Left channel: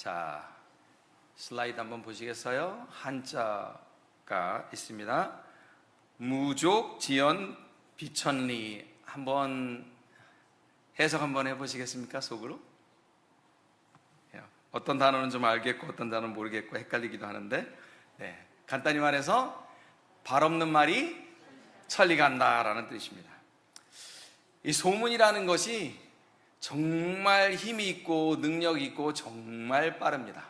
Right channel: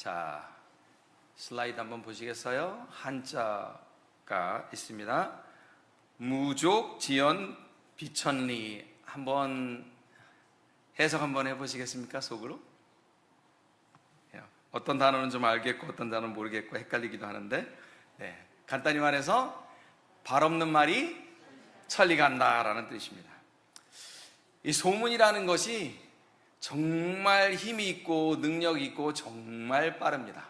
자, 슬라이드 한번 보시겠어요? 한자가 있습니다. 무족, 지연, 비천리. 한번 해석 한번 해보시겠습니까? 속으로? 어떤 단어는 좀 알겠고 어떤 단어는 모르겠고 헷갈리기도 하는데, 간단히 말해서 발 없는 말이 천리 간다라는 뜻입니다. 이 소문이라는 것이 정말 힘이 있고 능력이 있고 정말 빠릅니다.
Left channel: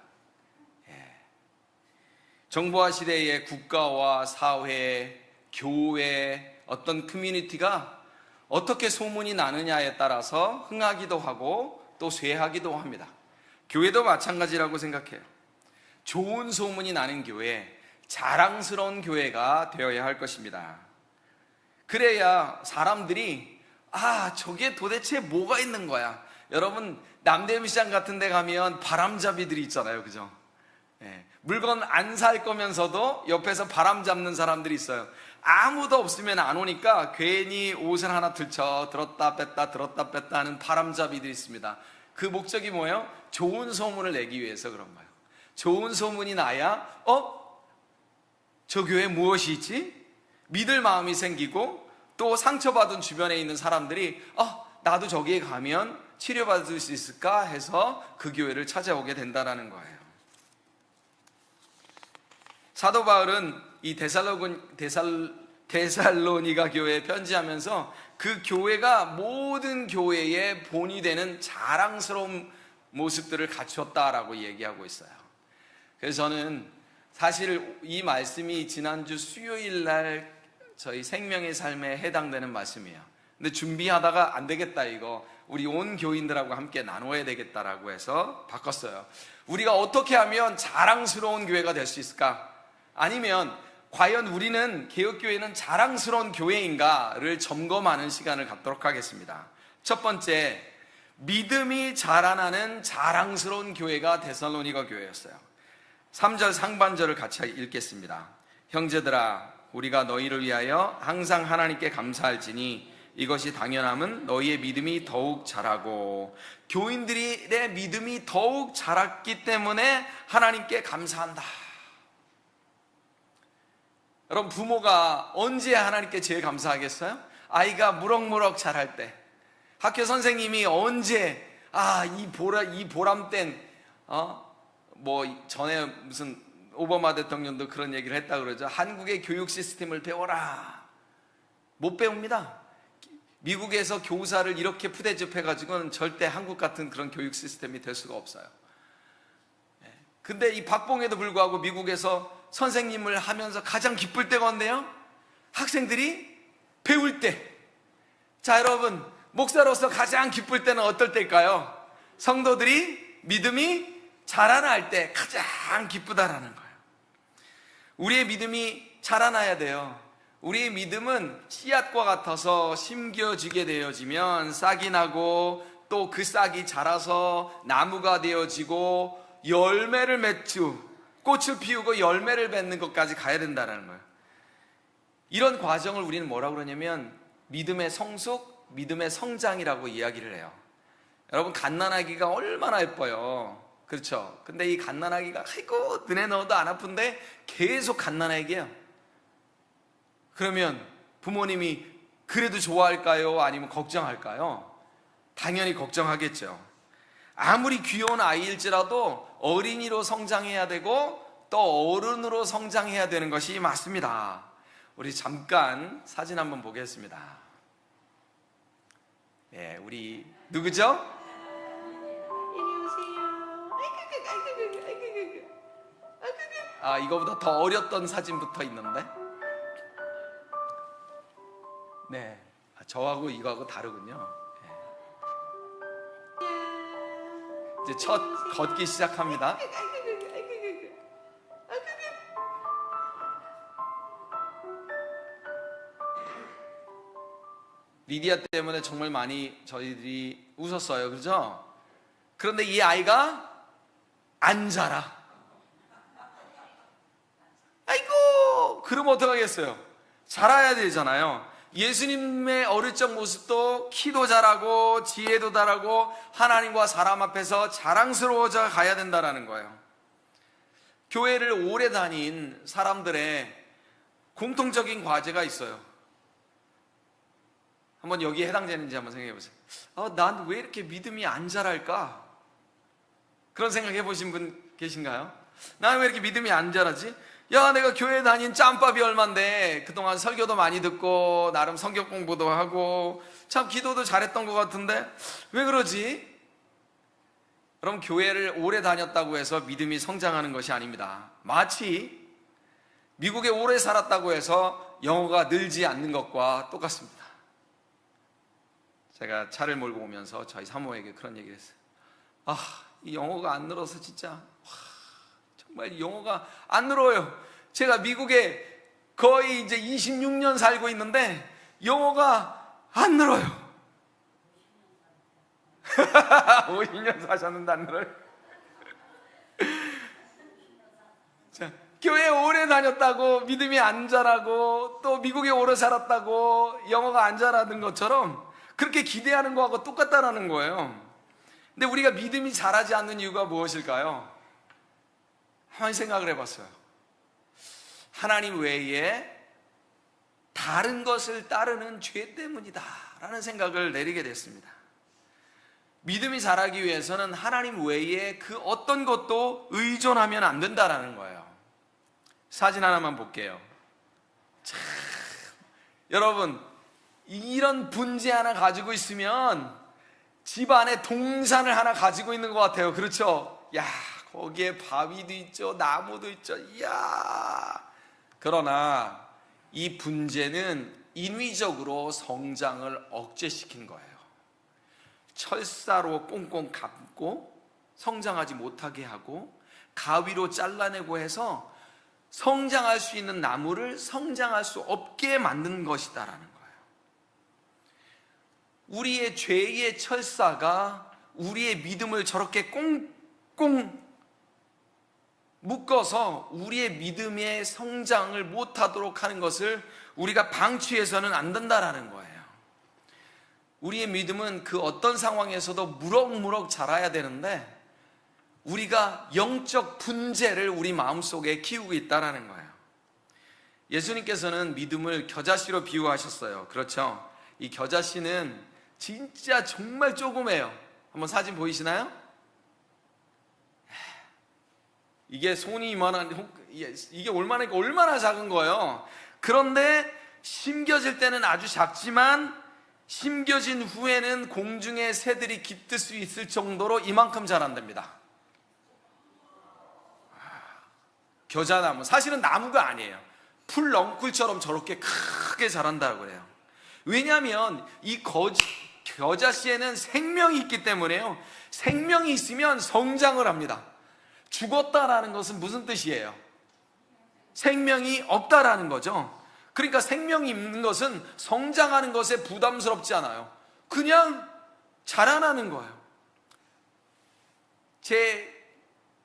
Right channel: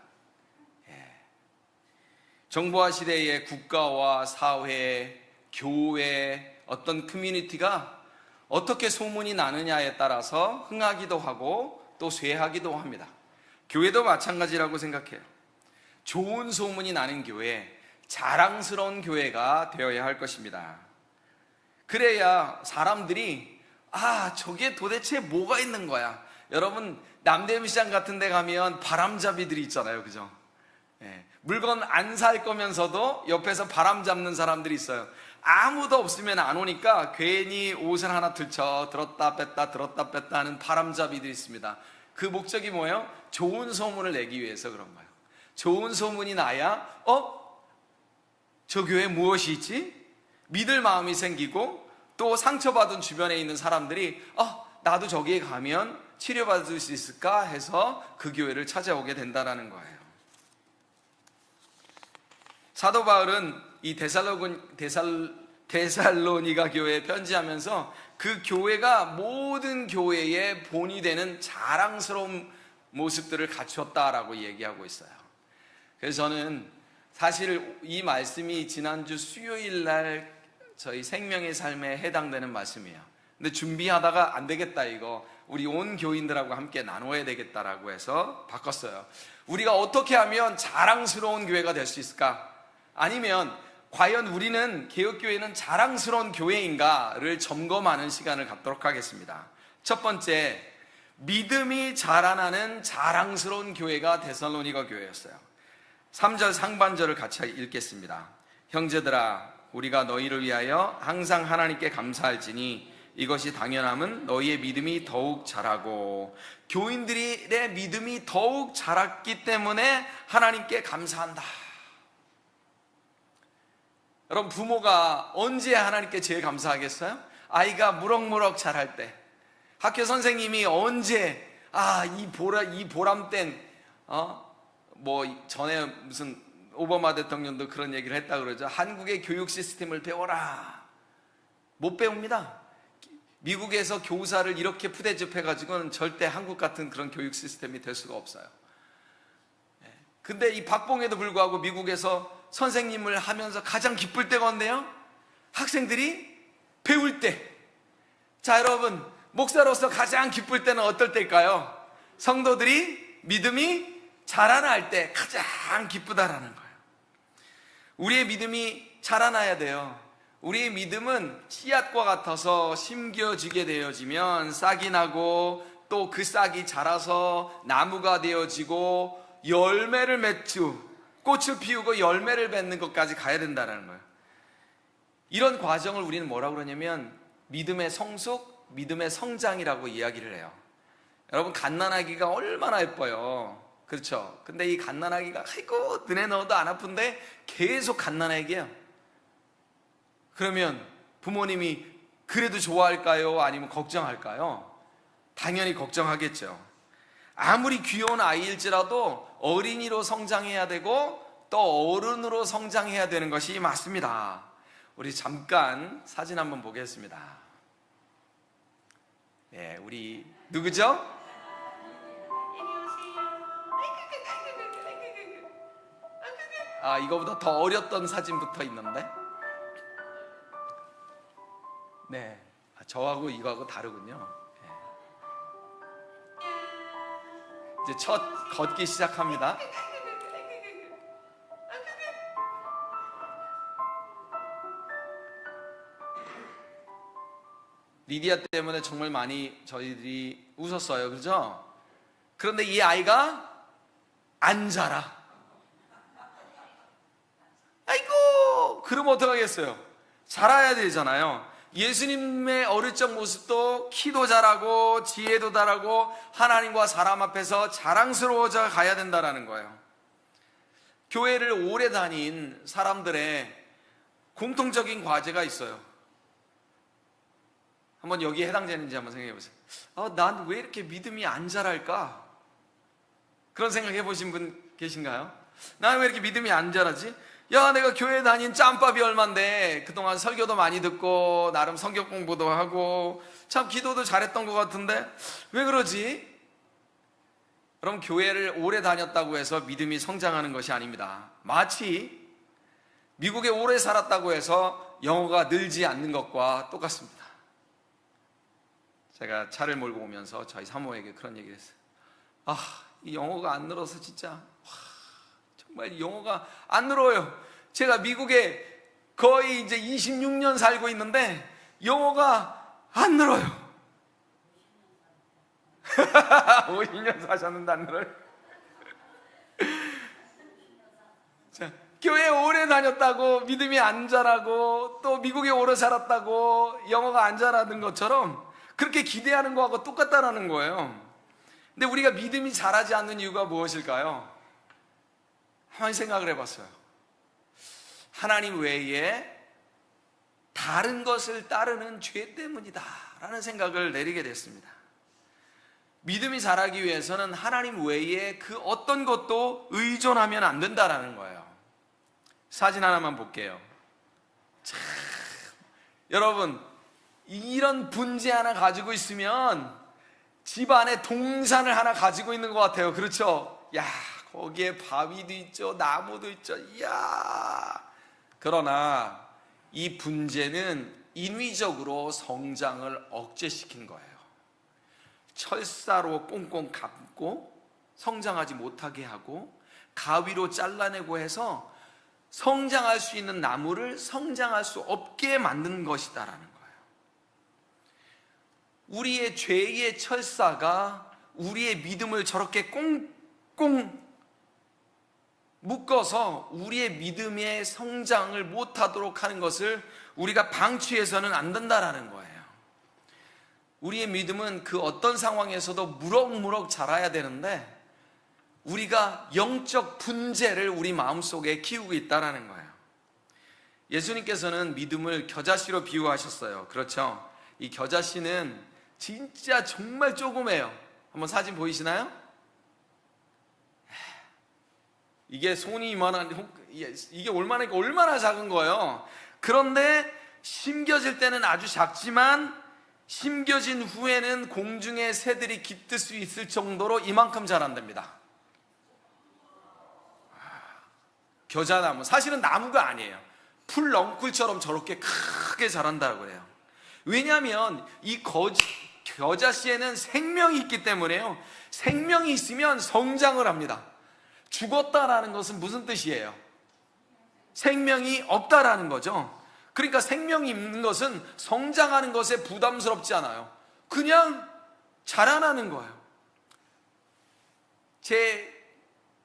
정보화 시대의 국가와 사회, 교회, 어떤 커뮤니티가 어떻게 소문이 나느냐에 따라서 흥하기도 하고 또 쇠하기도 합니다. 교회도 마찬가지라고 생각해요. 좋은 소문이 나는 교회, 자랑스러운 교회가 되어야 할 것입니다. 그래야 사람들이 저게 도대체 뭐가 있는 거야. 여러분, 남대문시장 같은 데 가면 바람잡이들이 있잖아요. 그죠? 물건 안 살 거면서도 옆에서 바람 잡는 사람들이 있어요. 아무도 없으면 안 오니까 괜히 옷을 하나 들쳐 들었다 뺐다 들었다 뺐다 하는 바람잡이들이 있습니다. 그 목적이 뭐예요? 좋은 소문을 내기 위해서 그런 거예요. 좋은 소문이 나야 저 교회에 무엇이 있지? 믿을 마음이 생기고 또 상처받은 주변에 있는 사람들이 나도 저기에 가면 치료받을 수 있을까 해서 그 교회를 찾아오게 된다는 거예요. 사도 바울은 이 데살로니가 교회에 편지하면서 그 교회가 모든 교회의 본이 되는 자랑스러운 모습들을 갖추었다라고 얘기하고 있어요. 그래서 저는 사실 이 말씀이 지난주 수요일 날 저희 생명의 삶에 해당되는 말씀이에요. 근데 준비하다가 안 되겠다, 이거 우리 온 교인들하고 함께 나눠야 되겠다라고 해서 바꿨어요. 우리가 어떻게 하면 자랑스러운 교회가 될 수 있을까? 아니면 과연 우리는 개혁교회는 자랑스러운 교회인가를 점검하는 시간을 갖도록 하겠습니다. 첫 번째, 믿음이 자라나는 자랑스러운 교회가 데살로니가 교회였어요. 3절 상반절을 같이 읽겠습니다. 형제들아, 우리가 너희를 위하여 항상 하나님께 감사할지니 이것이 당연함은 너희의 믿음이 더욱 자라고, 교인들의 믿음이 더욱 자랐기 때문에 하나님께 감사한다. 여러분, 부모가 언제 하나님께 제일 감사하겠어요? 아이가 무럭무럭 자랄 때. 학교 선생님이 언제 이 보람된 전에 무슨 오바마 대통령도 그런 얘기를 했다 그러죠. 한국의 교육 시스템을 배워라. 못 배웁니다. 미국에서 교사를 이렇게 푸대접해가지고는 절대 한국 같은 그런 교육 시스템이 될 수가 없어요. 근데 이 박봉에도 불구하고 미국에서 선생님을 하면서 가장 기쁠 때가 언제요? 학생들이 배울 때. 자, 여러분, 목사로서 가장 기쁠 때는 어떨 때일까요? 성도들이 믿음이 자라날 때 가장 기쁘다라는 거예요. 우리의 믿음이 자라나야 돼요. 우리의 믿음은 씨앗과 같아서 심겨지게 되어지면 싹이 나고 또 그 싹이 자라서 나무가 되어지고 열매를 맺죠. 꽃을 피우고 열매를 맺는 것까지 가야 된다는 거예요. 이런 과정을 우리는 뭐라고 그러냐면 믿음의 성숙, 믿음의 성장이라고 이야기를 해요. 여러분, 갓난아기가 얼마나 예뻐요. 그렇죠? 근데 이 갓난아기가 눈에 넣어도 안 아픈데 계속 갓난아기야. 그러면 부모님이 그래도 좋아할까요? 아니면 걱정할까요? 당연히 걱정하겠죠. 아무리 귀여운 아이일지라도 어린이로 성장해야 되고 또 어른으로 성장해야 되는 것이 맞습니다. 우리 잠깐 사진 한번 보겠습니다. 우리 누구죠? 이거보다 더 어렸던 사진부터 있는데. 저하고 이거하고 다르군요. 이제 첫 걷기 시작합니다. 리디아 때문에 정말 많이 저희들이 웃었어요. 그죠? 그런데 이 아이가 안 자라. 아이고, 그러면 어떡하겠어요? 자라야 되잖아요. 예수님의 어릴 적 모습도 키도 자라고 지혜도 자라고 하나님과 사람 앞에서 자랑스러워져 가야 된다는 거예요. 교회를 오래 다닌 사람들의 공통적인 과제가 있어요. 한번 여기에 해당되는지 한번 생각해 보세요. 난 왜 이렇게 믿음이 안 자랄까? 그런 생각해 보신 분 계신가요? 난 왜 이렇게 믿음이 안 자라지? 야, 내가 교회 다닌 짬밥이 얼만데 그동안 설교도 많이 듣고 나름 성경 공부도 하고 참 기도도 잘했던 것 같은데 왜 그러지? 그럼 교회를 오래 다녔다고 해서 믿음이 성장하는 것이 아닙니다. 마치 미국에 오래 살았다고 해서 영어가 늘지 않는 것과 똑같습니다. 제가 차를 몰고 오면서 저희 사모에게 그런 얘기를 했어요. 이 영어가 안 늘어서 진짜 정말 영어가 안 늘어요. 제가 미국에 거의 이제 26년 살고 있는데 영어가 안 늘어요. 52년 사셨는데 안 늘어요. 자, 교회 오래 다녔다고 믿음이 안 자라고 또 미국에 오래 살았다고 영어가 안 자라는 것처럼 그렇게 기대하는 거하고 똑같다라는 거예요. 근데 우리가 믿음이 자라지 않는 이유가 무엇일까요? 한번 생각을 해봤어요. 하나님 외에 다른 것을 따르는 죄 때문이다 라는 생각을 내리게 됐습니다. 믿음이 자라기 위해서는 하나님 외에 그 어떤 것도 의존하면 안 된다라는 거예요. 사진 하나만 볼게요. 참, 여러분 이런 분재 하나 가지고 있으면 집 안에 동산을 하나 가지고 있는 것 같아요. 그렇죠? 야, 거기에 바위도 있죠, 나무도 있죠. 이야. 그러나 이 분재는 인위적으로 성장을 억제시킨 거예요. 철사로 꽁꽁 감고 성장하지 못하게 하고 가위로 잘라내고 해서 성장할 수 있는 나무를 성장할 수 없게 만든 것이다라는 거예요. 우리의 죄의 철사가 우리의 믿음을 저렇게 꽁꽁 묶어서 우리의 믿음의 성장을 못하도록 하는 것을 우리가 방치해서는 안 된다라는 거예요. 우리의 믿음은 그 어떤 상황에서도 무럭무럭 자라야 되는데 우리가 영적 분재를 우리 마음속에 키우고 있다는 거예요. 예수님께서는 믿음을 겨자씨로 비유하셨어요. 그렇죠? 이 겨자씨는 진짜 정말 조그매요. 한번 사진 보이시나요? 이게 손이 이만한, 이게 얼마나 작은 거예요. 그런데 심겨질 때는 아주 작지만 심겨진 후에는 공중에 새들이 깃들 수 있을 정도로 이만큼 자란답니다. 겨자나무, 사실은 나무가 아니에요. 풀넝쿨처럼 저렇게 크게 자란다고 해요. 왜냐하면 이 겨자씨에는 생명이 있기 때문에요. 생명이 있으면 성장을 합니다. 죽었다라는 것은 무슨 뜻이에요? 생명이 없다라는 거죠. 그러니까 생명이 있는 것은 성장하는 것에 부담스럽지 않아요. 그냥 자라나는 거예요. 제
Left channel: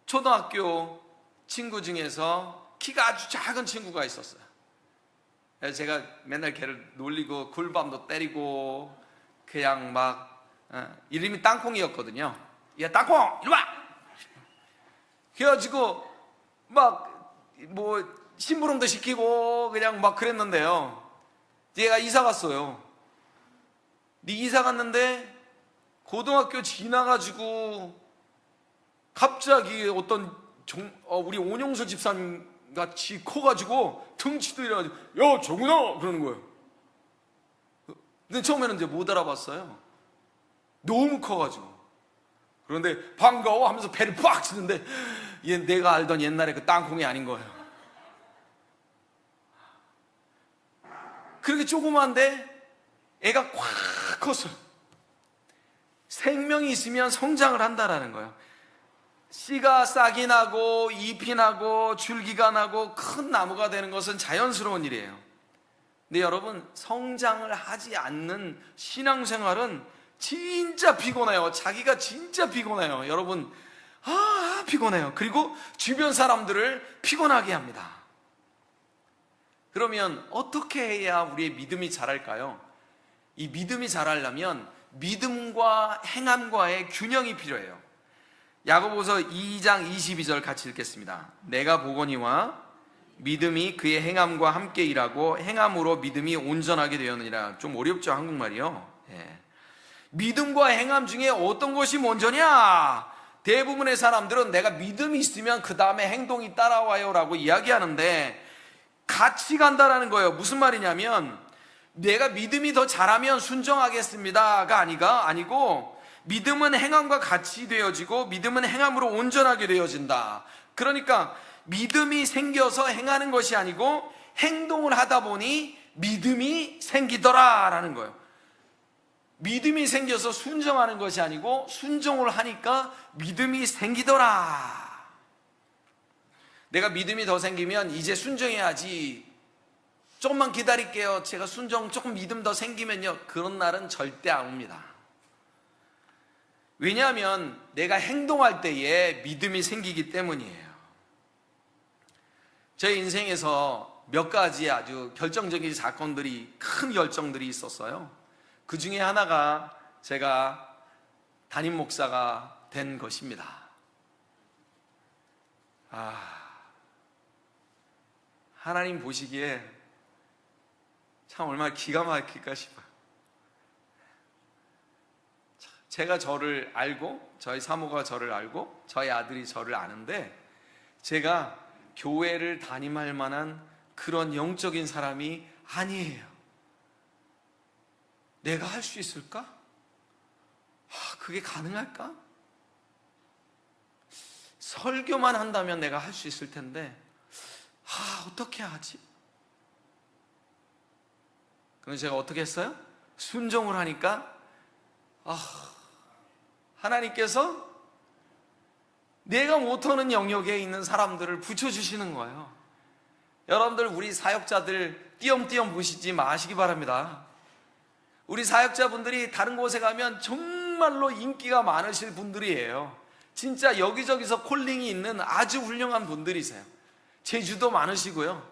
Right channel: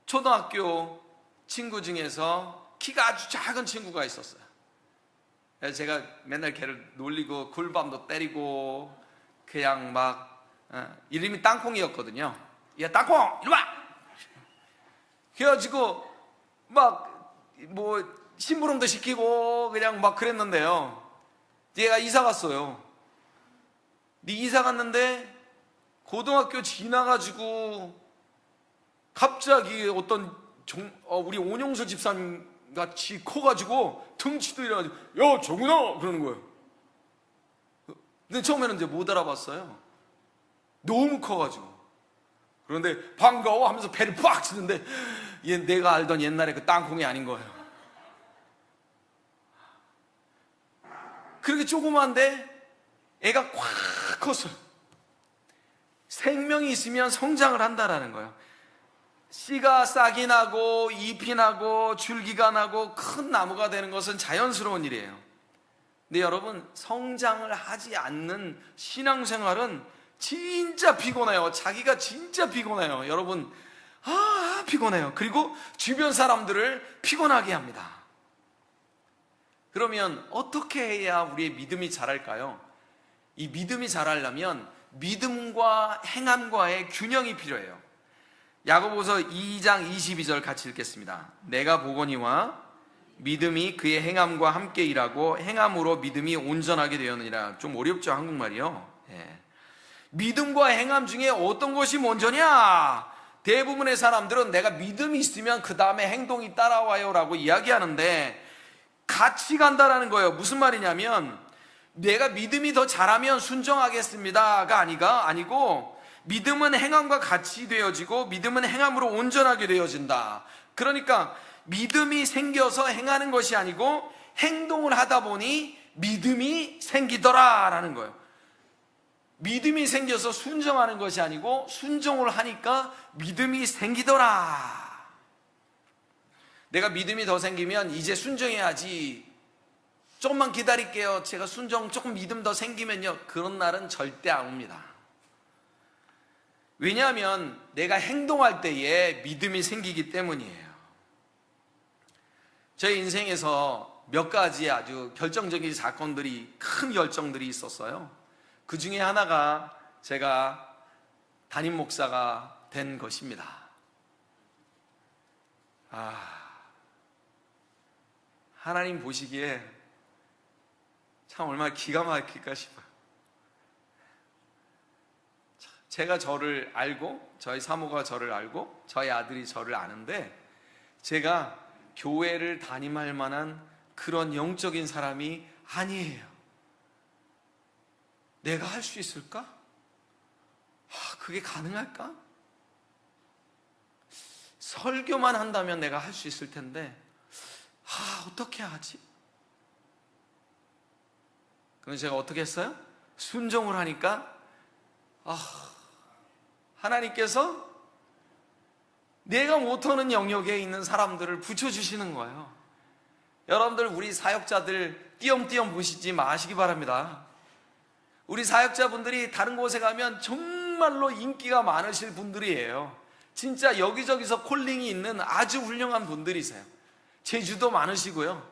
초등학교 친구 중에서 키가 아주 작은 친구가 있었어요. 그래서 제가 맨날 걔를 놀리고 굴밤도 때리고 그냥 막 이름이 땅콩이었거든요. 야, 땅콩 이리 와! 그래가지고 막 뭐 심부름도 시키고 그냥 막 그랬는데요. 얘가 이사 갔어요. 이사 갔는데 고등학교 지나가지고 갑자기 어떤 우리 온영수 집사님 같이 커가지고 등치도 이래가지고 야 정훈아 그러는 거예요. 근데 처음에는 이제 못 알아봤어요. 너무 커가지고. 그런데 반가워 하면서 배를 빡 치는데 얘 내가 알던 옛날에 그 땅콩이 아닌 거예요. 그렇게 조그만데 애가 꽉 컸어요. 생명이 있으면 성장을 한다라는 거예요. 씨가 싹이 나고 잎이 나고 줄기가 나고 큰 나무가 되는 것은 자연스러운 일이에요. 근데 여러분, 성장을 하지 않는 신앙생활은 진짜 피곤해요. 자기가 진짜 피곤해요. 여러분, 피곤해요. 그리고 주변 사람들을 피곤하게 합니다. 그러면 어떻게 해야 우리의 믿음이 자랄까요? 이 믿음이 자라려면 믿음과 행함과의 균형이 필요해요. 야고보서 2장 22절 같이 읽겠습니다. 내가 보거니와 믿음이 그의 행함과 함께 일하고 행함으로 믿음이 온전하게 되었느니라. 좀 어렵죠, 한국말이요. 예. 믿음과 행함 중에 어떤 것이 먼저냐? 대부분의 사람들은 내가 믿음이 있으면 그 다음에 행동이 따라와요 라고 이야기하는데 같이 간다라는 거예요. 무슨 말이냐면 내가 믿음이 더 잘하면 순종하겠습니다가 아니고 믿음은 행함과 같이 되어지고 믿음은 행함으로 온전하게 되어진다. 그러니까 믿음이 생겨서 행하는 것이 아니고 행동을 하다 보니 믿음이 생기더라라는 거예요. 믿음이 생겨서 순종하는 것이 아니고 순종을 하니까 믿음이 생기더라. 내가 믿음이 더 생기면 이제 순종해야지. 조금만 기다릴게요. 제가 조금 믿음 더 생기면요. 그런 날은 절대 안 옵니다. 왜냐하면 내가 행동할 때에 믿음이 생기기 때문이에요. 제 인생에서 몇 가지 아주 결정적인 사건들이, 큰 결정들이 있었어요. 그 중에 하나가 제가 담임 목사가 된 것입니다. 하나님 보시기에 참 얼마나 기가 막힐까 싶어요. 제가 저를 알고, 저희 사모가 저를 알고, 저희 아들이 저를 아는데 제가 교회를 담임할 만한 그런 영적인 사람이 아니에요. 내가 할 수 있을까? 그게 가능할까? 설교만 한다면 내가 할 수 있을 텐데 어떻게 하지? 그래서 제가 어떻게 했어요? 순종을 하니까 하나님께서 내가 못하는 영역에 있는 사람들을 붙여주시는 거예요. 여러분들 우리 사역자들 띄엄띄엄 보시지 마시기 바랍니다. 우리 사역자분들이 다른 곳에 가면 정말로 인기가 많으실 분들이에요. 진짜 여기저기서 콜링이 있는 아주 훌륭한 분들이세요. 재주도 많으시고요.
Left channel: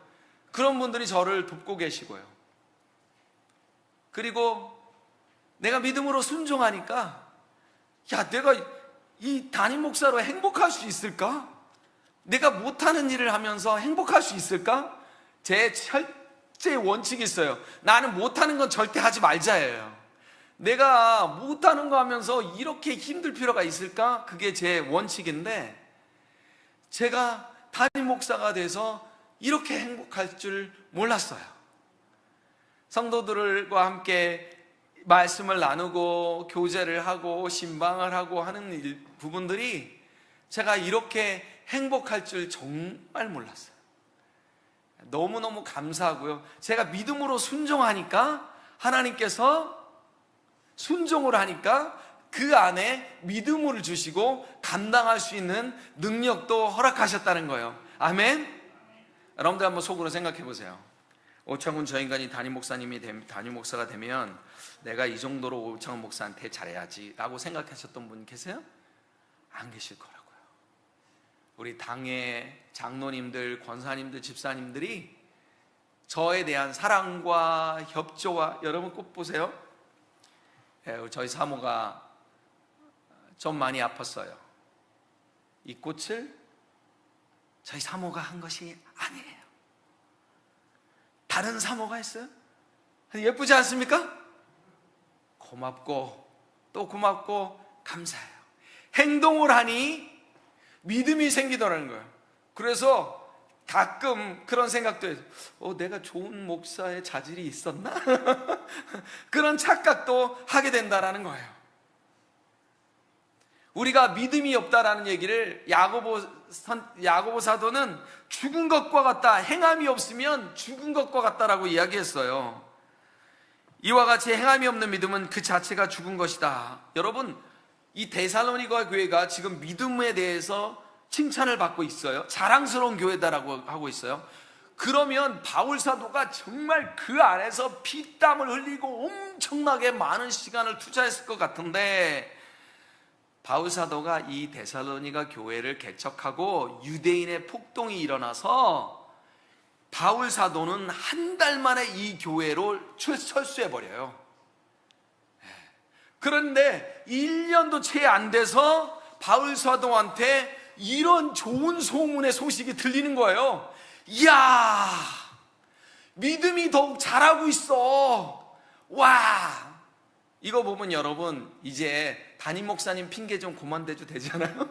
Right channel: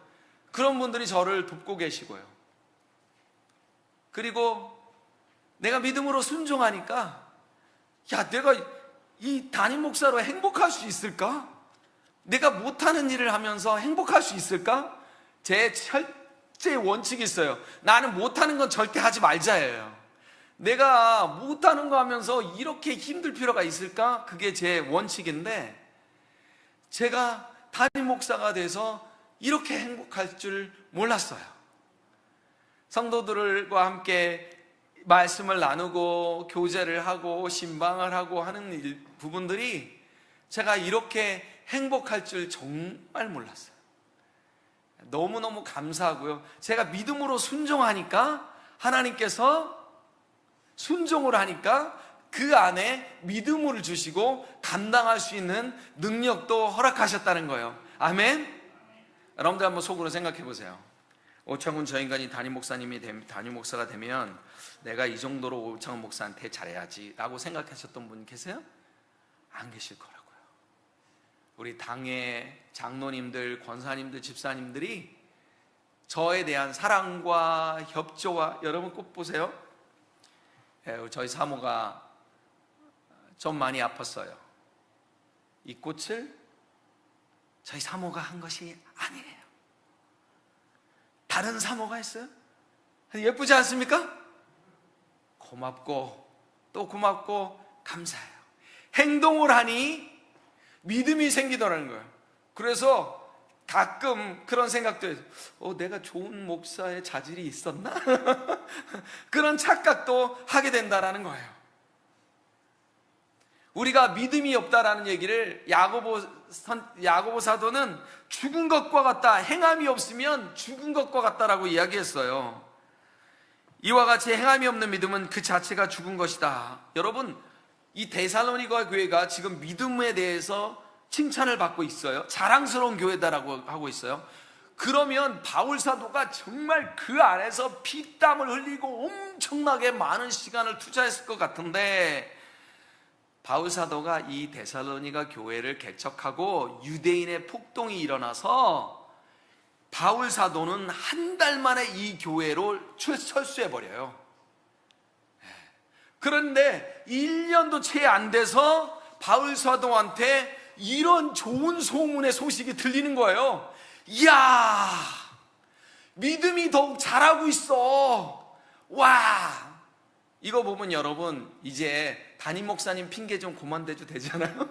그런 분들이 저를 돕고 계시고요. 그리고 내가 믿음으로 순종하니까 내가 이 담임 목사로 행복할 수 있을까? 내가 못하는 일을 하면서 행복할 수 있을까? 제 철저히 원칙이 있어요. 나는 못하는 건 절대 하지 말자예요. 내가 못하는 거 하면서 이렇게 힘들 필요가 있을까? 그게 제 원칙인데 제가 담임 목사가 돼서 이렇게 행복할 줄 몰랐어요. 성도들과 함께 말씀을 나누고 교제를 하고 신방을 하고 하는 부분들이 제가 이렇게 행복할 줄 정말 몰랐어요. 너무너무 감사하고요. 제가 믿음으로 순종하니까 하나님께서 순종을 하니까 그 안에 믿음을 주시고 감당할 수 있는 능력도 허락하셨다는 거예요. 아멘. 여러분들 한번 속으로 생각해 보세요. 오창훈 저 인간이 담임 목사가 되면 내가 이 정도로 오창훈 목사한테 잘해야지 라고 생각하셨던 분 계세요? 안 계실 거라고요. 우리 당의 장로님들, 권사님들, 집사님들이 저에 대한 사랑과 협조와, 여러분 꼭 보세요. 저희 사모가 좀 많이 아팠어요. 이 꽃을 저희 사모가 한 것이 아니에요. 다른 사모가 했어요. 예쁘지 않습니까? 고맙고 또 고맙고 감사해요. 행동을 하니 믿음이 생기더라는 거예요. 그래서 가끔 그런 생각도 해요. 내가 좋은 목사의 자질이 있었나? 그런 착각도 하게 된다라는 거예요. 우리가 믿음이 없다라는 얘기를 야고보 사도는 죽은 것과 같다, 행함이 없으면 죽은 것과 같다라고 이야기했어요. 이와 같이 행함이 없는 믿음은 그 자체가 죽은 것이다. 여러분, 이 데살로니가 교회가 지금 믿음에 대해서 칭찬을 받고 있어요. 자랑스러운 교회다라고 하고 있어요. 그러면 바울 사도가 정말 그 안에서 피땀을 흘리고 엄청나게 많은 시간을 투자했을 것 같은데, 바울 사도가 이 데살로니가 교회를 개척하고 유대인의 폭동이 일어나서 바울 사도는 한 달 만에 이 교회로 철수해버려요. 그런데 1년도 채 안 돼서 바울 사도한테 이런 좋은 소문의 소식이 들리는 거예요. 이야, 믿음이 더욱 자라고 있어. 와, 이거 보면 여러분 이제 담임 목사님 핑계 좀 그만 대도 되잖아요.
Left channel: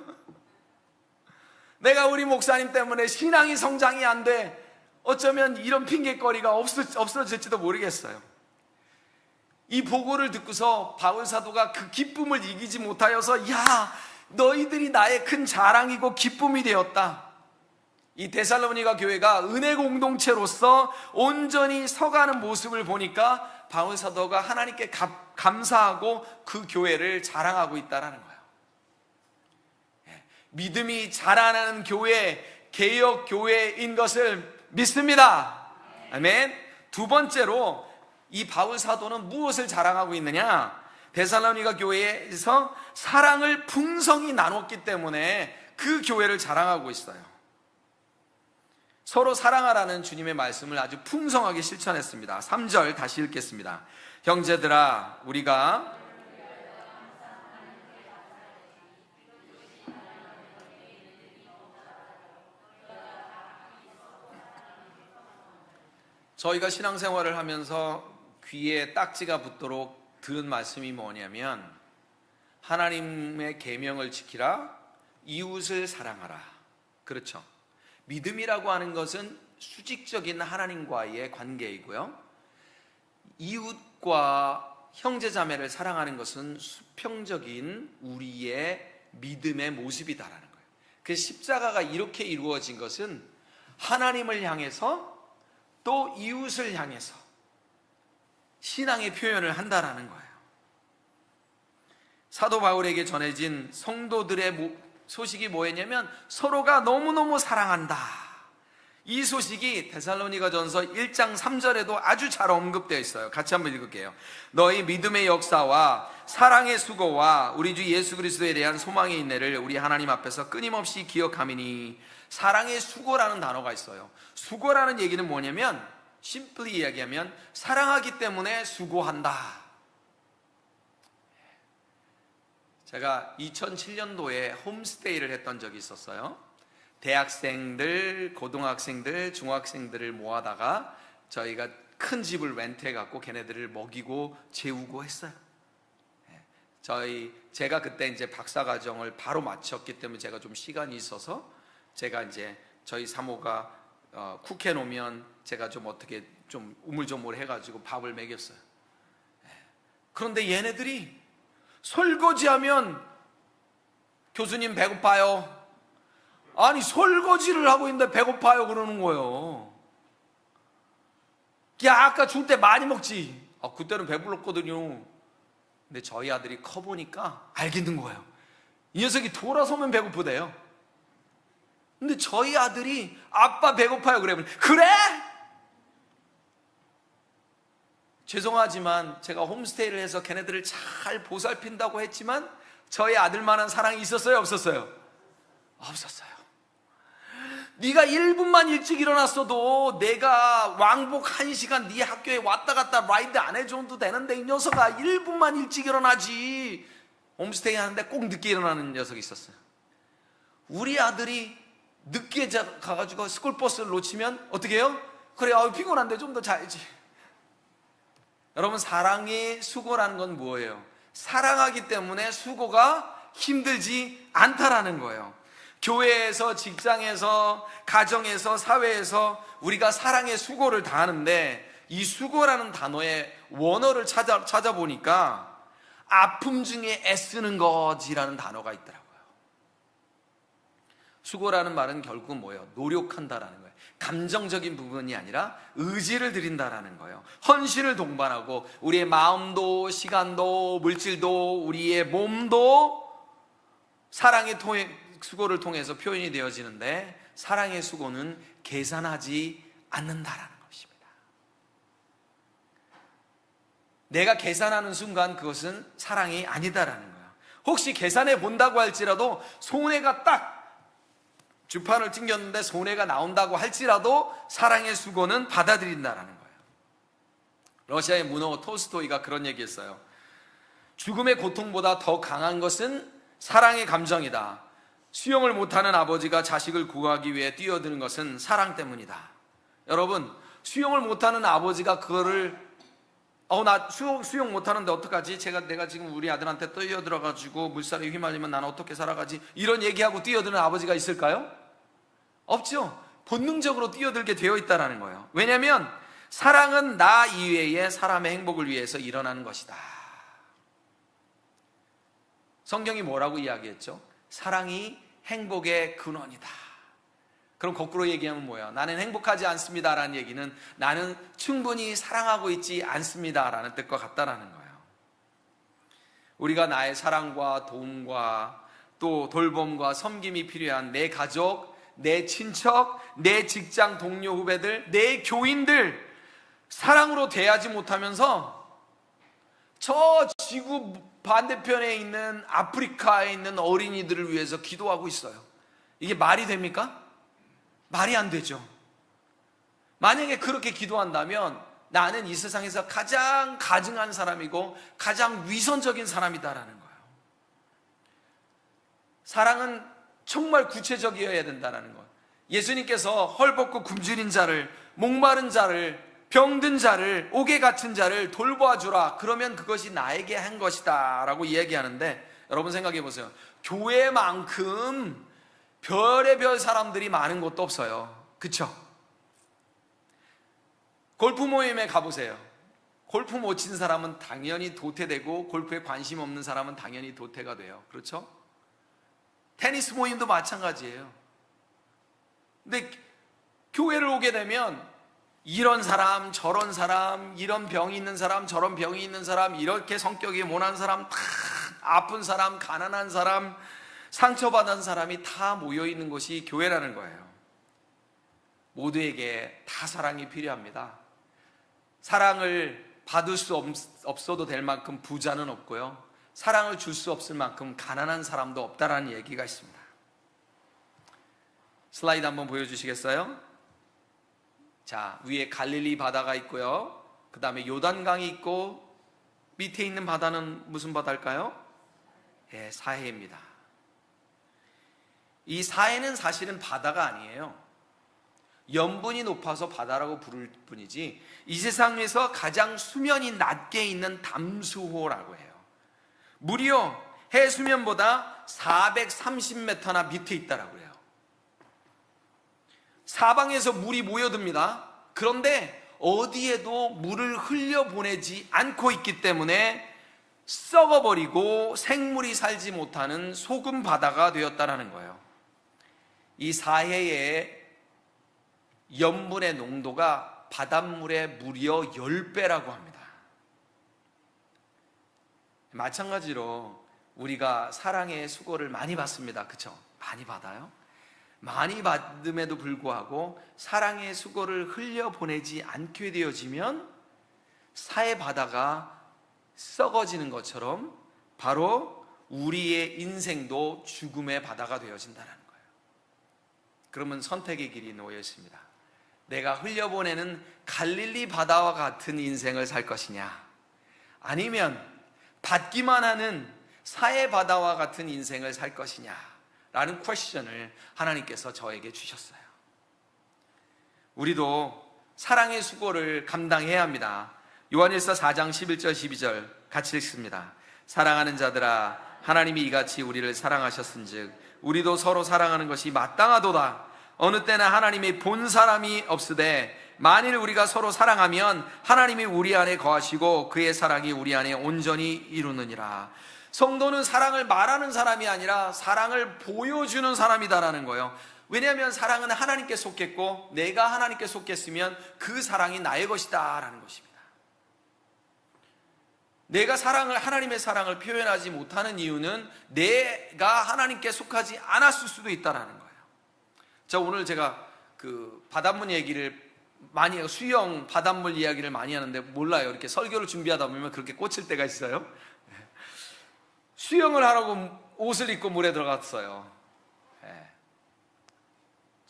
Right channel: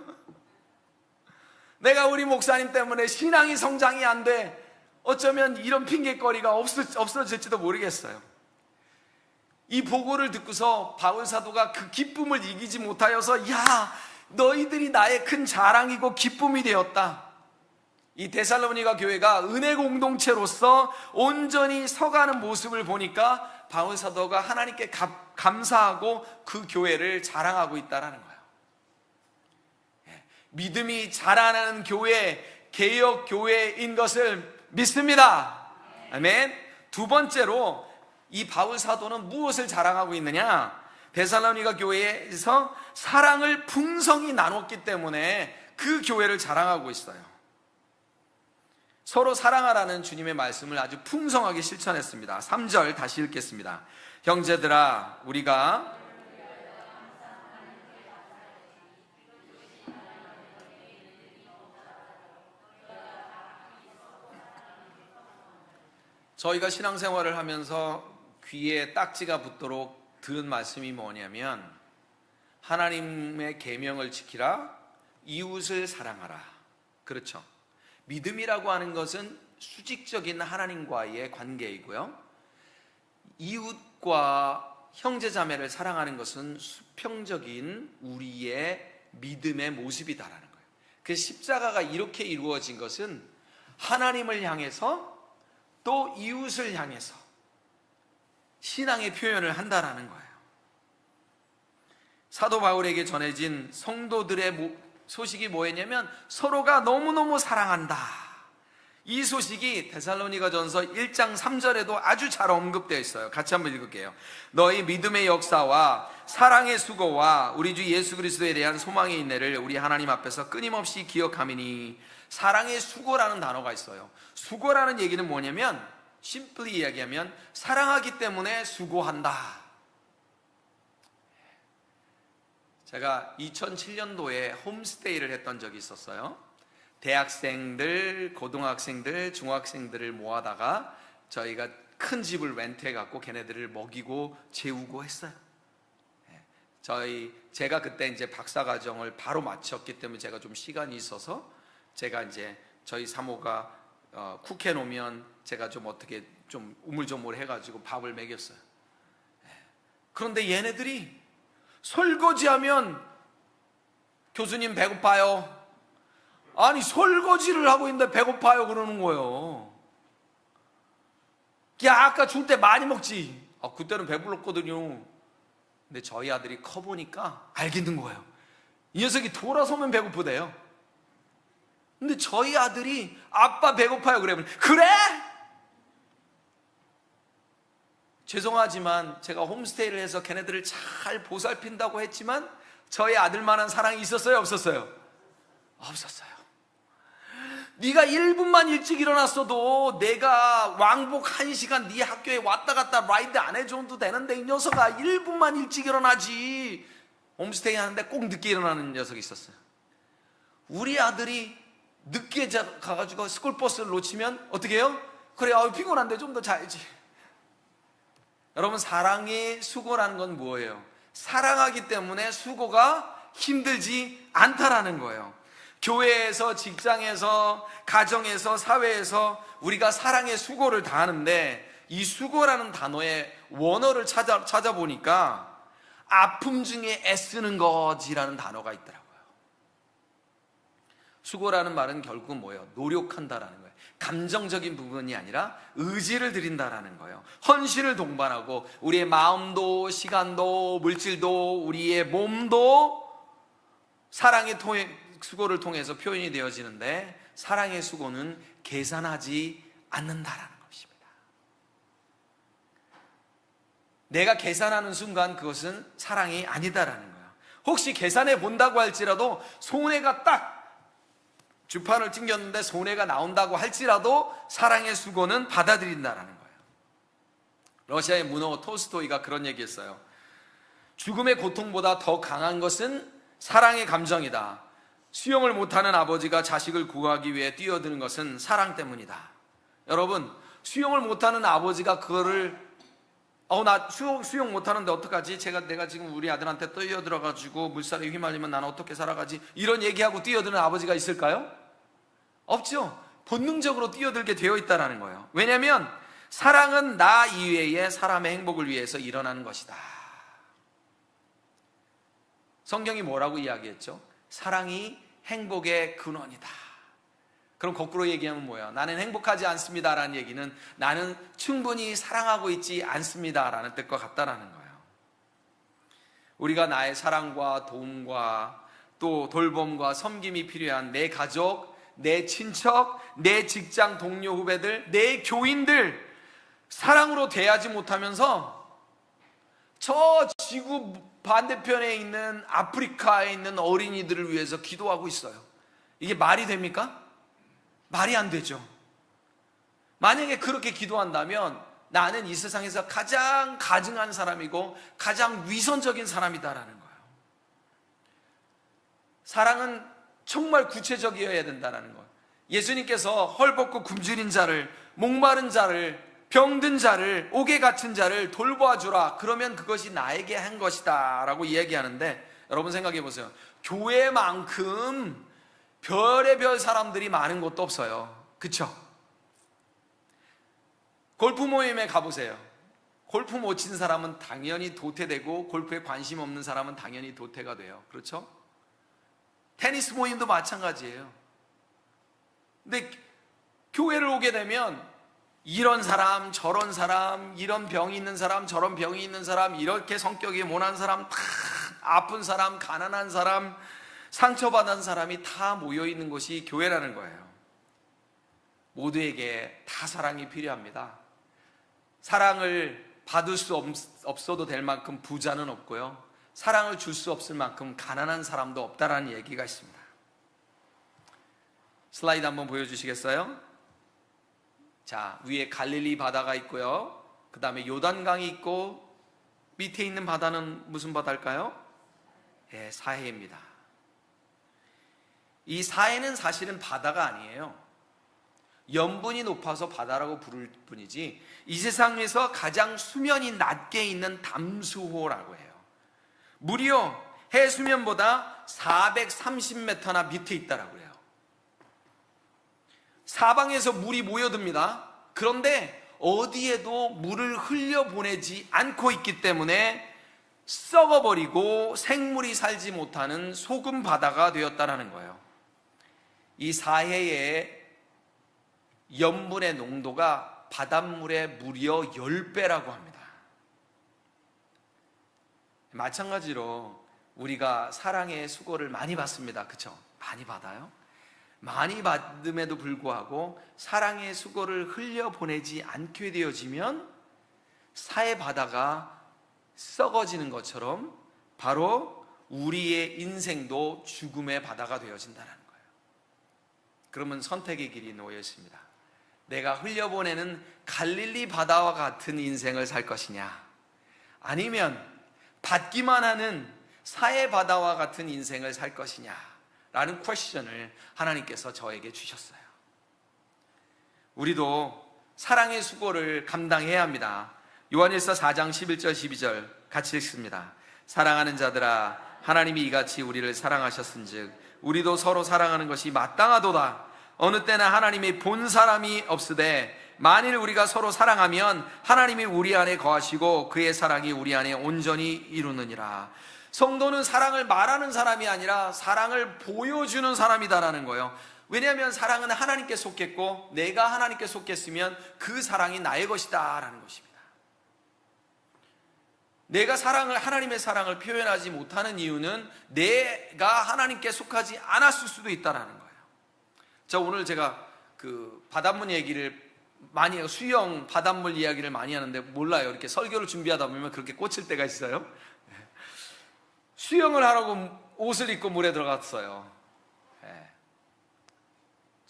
내가 우리 목사님 때문에 신앙이 성장이 안 돼. 어쩌면 이런 핑계거리가 없어질지도 모르겠어요. 이 보고를 듣고서 바울 사도가 그 기쁨을 이기지 못하여서 야, 너희들이 나의 큰 자랑이고 기쁨이 되었다. 이 데살로니가 교회가 은혜 공동체로서 온전히 서가는 모습을 보니까 바울 사도가 하나님께 감사하고 그 교회를 자랑하고 있다는 거예요. 믿음이 자라나는 교회, 개혁 교회인 것을 믿습니다. 아멘. 두 번째로 이 바울 사도는 무엇을 자랑하고 있느냐? 데살로니가 교회에서 사랑을 풍성히 나눴기 때문에 그 교회를 자랑하고 있어요. 서로 사랑하라는 주님의 말씀을 아주 풍성하게 실천했습니다. 3절 다시 읽겠습니다. 형제들아, 우리가 저희가 신앙생활을 하면서 귀에 딱지가 붙도록 들은 말씀이 뭐냐면 하나님의 계명을 지키라, 이웃을 사랑하라. 그렇죠. 믿음이라고 하는 것은 수직적인 하나님과의 관계이고요. 이웃과 형제자매를 사랑하는 것은 수평적인 우리의 믿음의 모습이다라는 거예요. 그 십자가가 이렇게 이루어진 것은 하나님을 향해서 또 이웃을 향해서 신앙의 표현을 한다라는 거예요. 사도 바울에게 전해진 성도들의 소식이 뭐였냐면 서로가 너무너무 사랑한다. 이 소식이 데살로니가전서 1장 3절에도 아주 잘 언급되어 있어요. 같이 한번 읽을게요. 너희 믿음의 역사와 사랑의 수고와 우리 주 예수 그리스도에 대한 소망의 인내를 우리 하나님 앞에서 끊임없이 기억하미니. 사랑의 수고라는 단어가 있어요. 수고라는 얘기는 뭐냐면 심플리 이야기하면 사랑하기 때문에 수고한다. 제가 2007년도에 홈스테이를 했던 적이 있었어요. 대학생들, 고등학생들, 중학생들을 모아다가 저희가 큰 집을 렌트해갖고 걔네들을 먹이고 재우고 했어요. 제가 그때 이제 박사과정을 바로 마쳤기 때문에 제가 좀 시간이 있어서 제가 이제 저희 사모가 쿡 해놓으면 제가 좀 어떻게 좀 우물조물 해가지고 밥을 먹였어요. 그런데 얘네들이 설거지하면 교수님 배고파요. 아니 설거지를 하고 있는데 배고파요 그러는 거예요. 야 아까 줄 때 많이 먹지. 그때는 배불렀거든요. 근데 저희 아들이 커보니까 알겠는 거예요. 이 녀석이 돌아서면 배고프대요. 근데 저희 아들이 아빠 배고파요 그러면 그래? 죄송하지만 제가 홈스테이를 해서 걔네들을 잘 보살핀다고 했지만 저희 아들만한 사랑이 있었어요 없었어요? 없었어요. 네가 1분만 일찍 일어났어도 내가 왕복 1시간 네 학교에 왔다 갔다 라이드 안 해줘도 되는데 이 녀석아 1분만 일찍 일어나지. 홈스테이 하는데 꼭 늦게 일어나는 녀석이 있었어요. 우리 아들이 늦게 가가지고 스쿨버스를 놓치면 어떻게 해요? 그래 피곤한데 좀 더 자야지. 여러분 사랑의 수고라는 건 뭐예요? 사랑하기 때문에 수고가 힘들지 않다라는 거예요. 교회에서, 직장에서, 가정에서, 사회에서 우리가 사랑의 수고를 다하는데 이 수고라는 단어의 원어를 찾아보니까 아픔 중에 애쓰는 것이라는 단어가 있더라고요. 수고라는 말은 결국 뭐예요? 노력한다라는 거예요. 감정적인 부분이 아니라 의지를 들인다라는 거예요. 헌신을 동반하고 우리의 마음도 시간도 물질도 우리의 몸도 사랑의 수고를 통해서 표현이 되어지는데 사랑의 수고는 계산하지 않는다라는 것입니다. 내가 계산하는 순간 그것은 사랑이 아니다라는 거예요. 혹시 계산해 본다고 할지라도 손해가 딱 주판을 튕겼는데 손해가 나온다고 할지라도 사랑의 수고는 받아들인다라는 거예요. 러시아의 문호 톨스토이가 그런 얘기했어요. 죽음의 고통보다 더 강한 것은 사랑의 감정이다. 수영을 못하는 아버지가 자식을 구하기 위해 뛰어드는 것은 사랑 때문이다. 여러분, 수영을 못하는 아버지가 그거를 나 수영 못하는데 어떡하지? 내가 지금 우리 아들한테 뛰어들어가지고 물살에 휘말리면 나는 어떻게 살아가지? 이런 얘기하고 뛰어드는 아버지가 있을까요? 없죠. 본능적으로 뛰어들게 되어 있다는 거예요. 왜냐하면 사랑은 나 이외의 사람의 행복을 위해서 일어나는 것이다. 성경이 뭐라고 이야기했죠? 사랑이 행복의 근원이다. 그럼 거꾸로 얘기하면 뭐예요? 나는 행복하지 않습니다라는 얘기는 나는 충분히 사랑하고 있지 않습니다라는 뜻과 같다라는 거예요. 우리가 나의 사랑과 도움과 또 돌봄과 섬김이 필요한 내 가족, 내 친척, 내 직장 동료 후배들, 내 교인들 사랑으로 대하지 못하면서 저 지구 반대편에 있는 아프리카에 있는 어린이들을 위해서 기도하고 있어요. 이게 말이 됩니까? 말이 안 되죠. 만약에 그렇게 기도한다면 나는 이 세상에서 가장 가증한 사람이고 가장 위선적인 사람이다라는 거예요. 사랑은 정말 구체적이어야 된다는 거예요. 예수님께서 헐벗고 굶주린 자를, 목마른 자를, 병든 자를, 옥에 갇힌 자를 돌보아주라. 그러면 그것이 나에게 한 것이다 라고 이야기하는데, 여러분 생각해 보세요. 교회만큼 별의 별 사람들이 많은 곳도 없어요. 그쵸? 골프 모임에 가보세요. 골프 못 친 사람은 당연히 도태되고 골프에 관심 없는 사람은 당연히 도태가 돼요. 그렇죠? 테니스 모임도 마찬가지예요. 근데 교회를 오게 되면 이런 사람, 저런 사람, 이런 병이 있는 사람, 저런 병이 있는 사람, 이렇게 성격이 모난 사람, 다 아픈 사람, 가난한 사람, 상처받은 사람이 다 모여있는 곳이 교회라는 거예요. 모두에게 다 사랑이 필요합니다. 사랑을 받을 수 없어도 될 만큼 부자는 없고요. 사랑을 줄 수 없을 만큼 가난한 사람도 없다라는 얘기가 있습니다. 슬라이드 한번 보여주시겠어요? 자, 위에 갈릴리 바다가 있고요. 그 다음에 요단강이 있고 밑에 있는 바다는 무슨 바다일까요? 예, 사해입니다. 이 사해는 사실은 바다가 아니에요. 염분이 높아서 바다라고 부를 뿐이지 이 세상에서 가장 수면이 낮게 있는 담수호라고 해요. 무려 해수면보다 430m나 밑에 있다라고 해요. 사방에서 물이 모여듭니다. 그런데 어디에도 물을 흘려보내지 않고 있기 때문에 썩어버리고 생물이 살지 못하는 소금 바다가 되었다라는 거예요. 이 사해의 염분의 농도가 바닷물의 무려 10배라고 합니다. 마찬가지로 우리가 사랑의 수고를 많이 받습니다. 그렇죠? 많이 받아요. 많이 받음에도 불구하고 사랑의 수고를 흘려보내지 않게 되어지면 사해 바다가 썩어지는 것처럼 바로 우리의 인생도 죽음의 바다가 되어진다는 거예요. 그러면 선택의 길이 놓여 있습니다. 내가 흘려보내는 갈릴리 바다와 같은 인생을 살 것이냐, 아니면 받기만 하는 사해 바다와 같은 인생을 살 것이냐 라는 퀘스천을 하나님께서 저에게 주셨어요. 우리도 사랑의 수고를 감당해야 합니다. 요한일서 4장 11절 12절 같이 읽습니다. 사랑하는 자들아, 하나님이 이같이 우리를 사랑하셨은즉 우리도 서로 사랑하는 것이 마땅하도다. 어느 때나 하나님이 본 사람이 없으되 만일 우리가 서로 사랑하면 하나님이 우리 안에 거하시고 그의 사랑이 우리 안에 온전히 이루느니라. 성도는 사랑을 말하는 사람이 아니라 사랑을 보여주는 사람이다라는 거예요. 왜냐하면 사랑은 하나님께 속했고 내가 하나님께 속했으면 그 사랑이 나의 것이다 라는 것입니다. 내가 하나님의 사랑을 표현하지 못하는 이유는 내가 하나님께 속하지 않았을 수도 있다라는 거예요. 자, 오늘 제가 그 바닷물 얘기를 많이 해요. 수영, 바닷물 이야기를 많이 하는데 몰라요. 이렇게 설교를 준비하다 보면 그렇게 꽂힐 때가 있어요. 수영을 하라고 옷을 입고 물에 들어갔어요.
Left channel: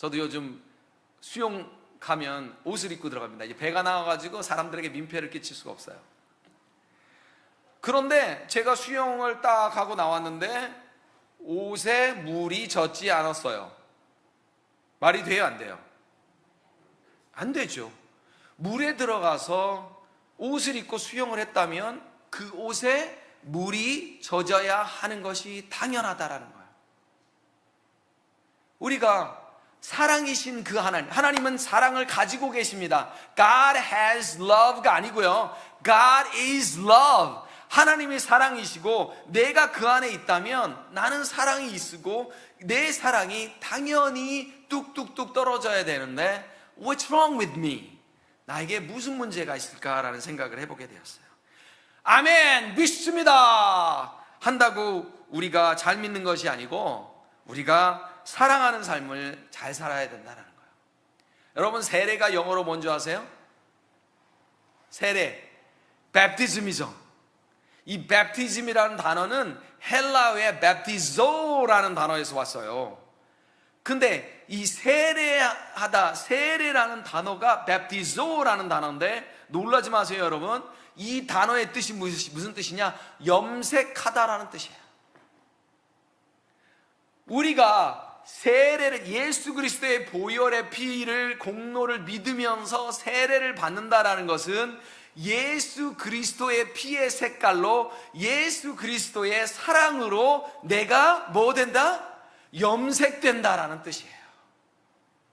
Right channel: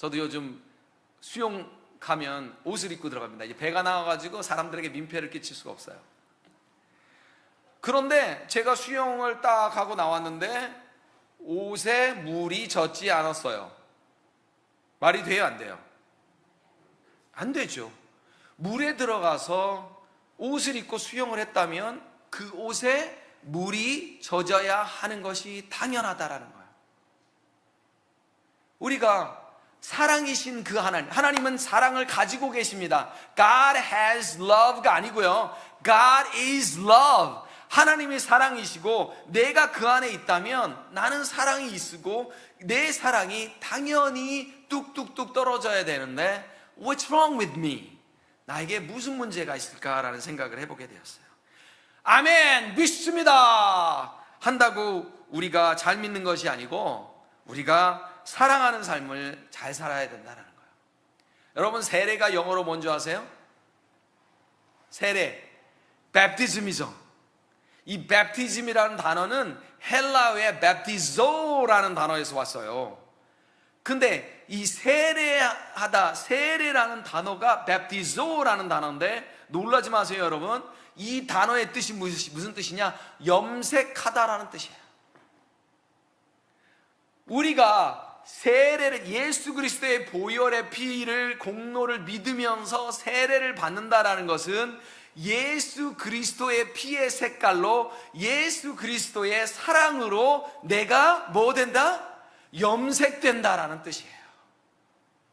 저도 요즘 수영 가면 옷을 입고 들어갑니다. 이제 배가 나와가지고 사람들에게 민폐를 끼칠 수가 없어요. 그런데 제가 수영을 딱 하고 나왔는데 옷에 물이 젖지 않았어요. 말이 돼요, 안 돼요? 안 되죠. 물에 들어가서 옷을 입고 수영을 했다면 그 옷에 물이 젖어야 하는 것이 당연하다라는 거예요. 우리가 사랑이신 그 하나님은 사랑을 가지고 계십니다. God has love가 아니고요. God is love. 하나님이 사랑이시고 내가 그 안에 있다면 나는 사랑이 있고 내 사랑이 당연히 뚝뚝뚝 떨어져야 되는데 What's wrong with me? 나에게 무슨 문제가 있을까라는 생각을 해보게 되었어요. 아멘, 믿습니다 한다고 우리가 잘 믿는 것이 아니고 우리가 사랑하는 삶을 잘 살아야 된다는 거예요. 여러분, 세례가 영어로 뭔지 아세요? 세례, baptism이죠. 이 baptism이라는 단어는 헬라어의 baptizo라는 단어에서 왔어요. 근데 이 세례라는 단어가 baptizo라는 단어인데 놀라지 마세요, 여러분. 이 단어의 뜻이 무슨 뜻이냐? 염색하다라는 뜻이에요. 우리가 세례를, 예수 그리스도의 보혈의 피를, 공로를 믿으면서 세례를 받는다라는 것은 예수 그리스도의 피의 색깔로, 예수 그리스도의 사랑으로 내가 뭐 된다? 염색된다라는 뜻이에요.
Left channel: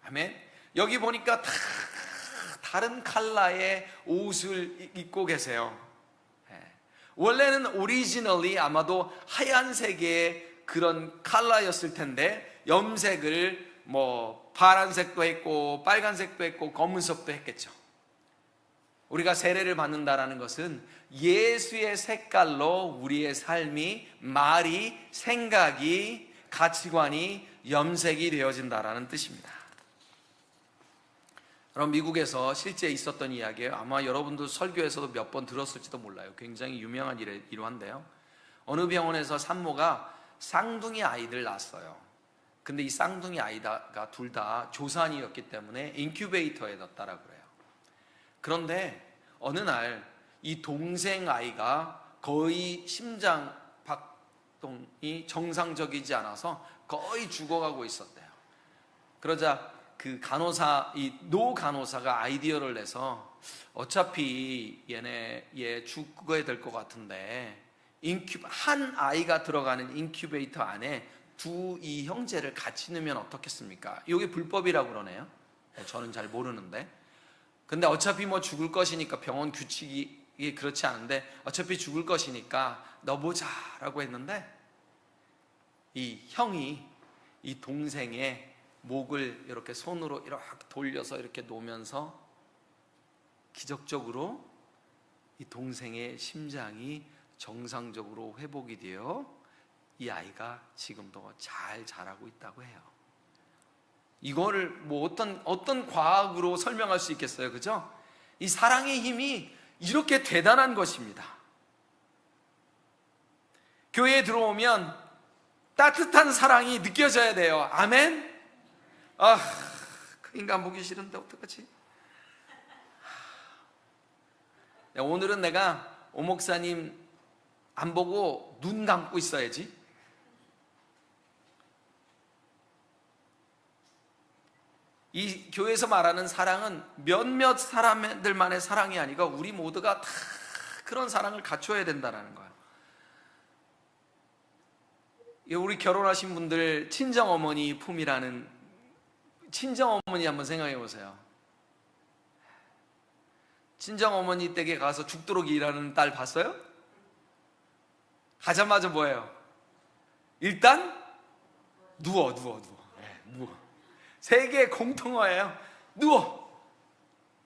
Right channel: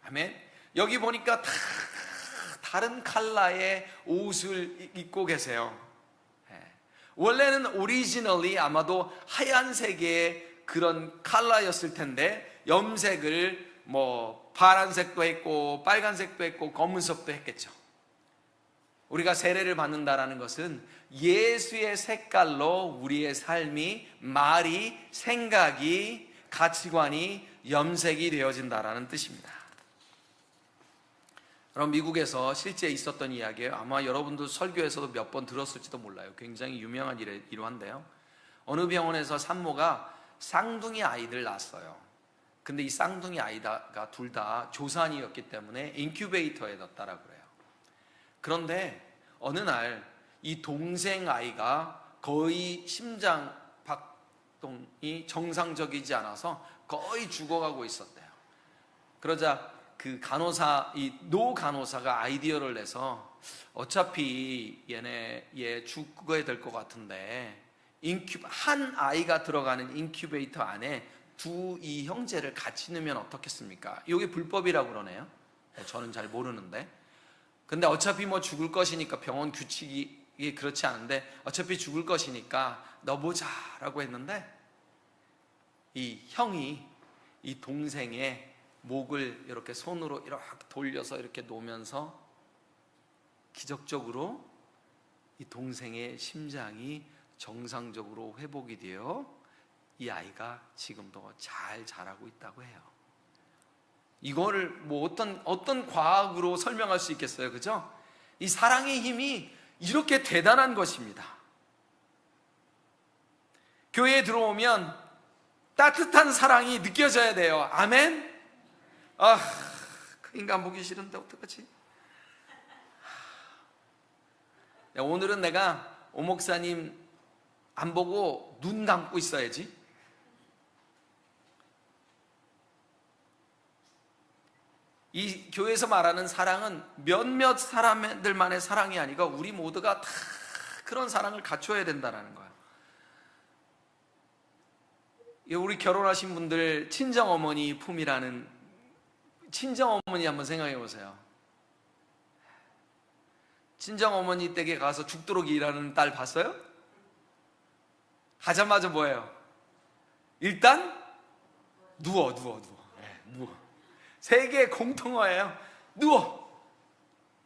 아멘. 여기 보니까 다 다른 컬러의 옷을 입고 계세요. 원래는 오리지널리 아마도 하얀색의 그런 컬러였을 텐데 염색을 뭐 파란색도 했고 빨간색도 했고 검은색도 했겠죠. 우리가 세례를 받는다라는 것은 예수의 색깔로 우리의 삶이, 말이, 생각이, 가치관이 염색이 되어진다라는 뜻입니다. 그럼 미국에서 실제 있었던 이야기예요. 아마 여러분도 설교에서도 몇 번 들었을지도 몰라요. 굉장히 유명한 일화인데요. 어느 병원에서 산모가 쌍둥이 아이들 낳았어요. 근데 이 쌍둥이 아이가 둘 다 조산이었기 때문에 인큐베이터에 넣었다라고 해요. 그런데 어느 날 이 동생 아이가 거의 심장 박동이 정상적이지 않아서 거의 죽어가고 있었대요. 그러자 그 간호사, 이 노 간호사가 아이디어를 내서 어차피 얘 죽게 될 것 같은데 한 아이가 들어가는 인큐베이터 안에 이 형제를 같이 넣으면 어떻겠습니까? 이게 불법이라고 그러네요. 저는 잘 모르는데. 근데 어차피 뭐 죽을 것이니까 병원 규칙이 그렇지 않은데 어차피 죽을 것이니까 넣어보자라고 했는데 이 형이 이 동생의 목을 이렇게 손으로 이렇게 돌려서 이렇게 놓으면서 기적적으로 이 동생의 심장이 정상적으로 회복이 되어 이 아이가 지금도 잘 자라고 있다고 해요. 이거를 뭐 어떤 과학으로 설명할 수 있겠어요, 그죠? 이 사랑의 힘이 이렇게 대단한 것입니다. 교회에 들어오면 따뜻한 사랑이 느껴져야 돼요. 아멘? 그 인간 보기 싫은데 어떡하지? 오늘은 내가 오 목사님 안 보고 눈 감고 있어야지. 이 교회에서 말하는 사랑은 몇몇 사람들만의 사랑이 아니고 우리 모두가 다 그런 사랑을 갖춰야 된다는 거예요. 우리 결혼하신 분들 친정어머니 품이라는, 친정어머니 한번 생각해 보세요. 친정어머니 댁에 가서 죽도록 일하는 딸 봤어요? 가자마자 뭐예요? 일단 누워. 세계 공통어예요. 누워.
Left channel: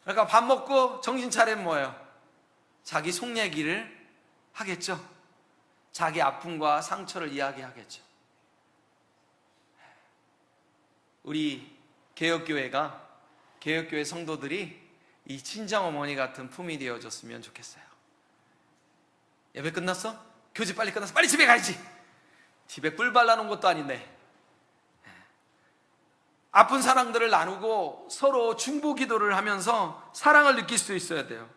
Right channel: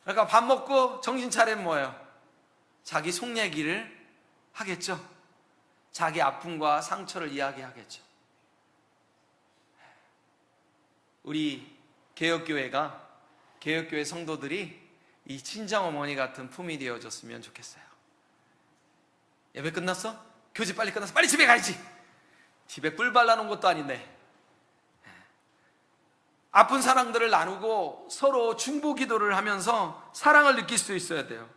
그러니까 밥 먹고 정신 차리면 뭐예요? 자기 속 얘기를 하겠죠. 자기 아픔과 상처를 이야기하겠죠. 우리 개혁교회 성도들이 이 친정어머니 같은 품이 되어줬으면 좋겠어요. 예배 끝났어? 교제 빨리 끝났어? 빨리 집에 가야지. 집에 꿀 발라놓은 것도 아닌데. 아픈 사랑들을 나누고 서로 중보 기도를 하면서 사랑을 느낄 수 있어야 돼요.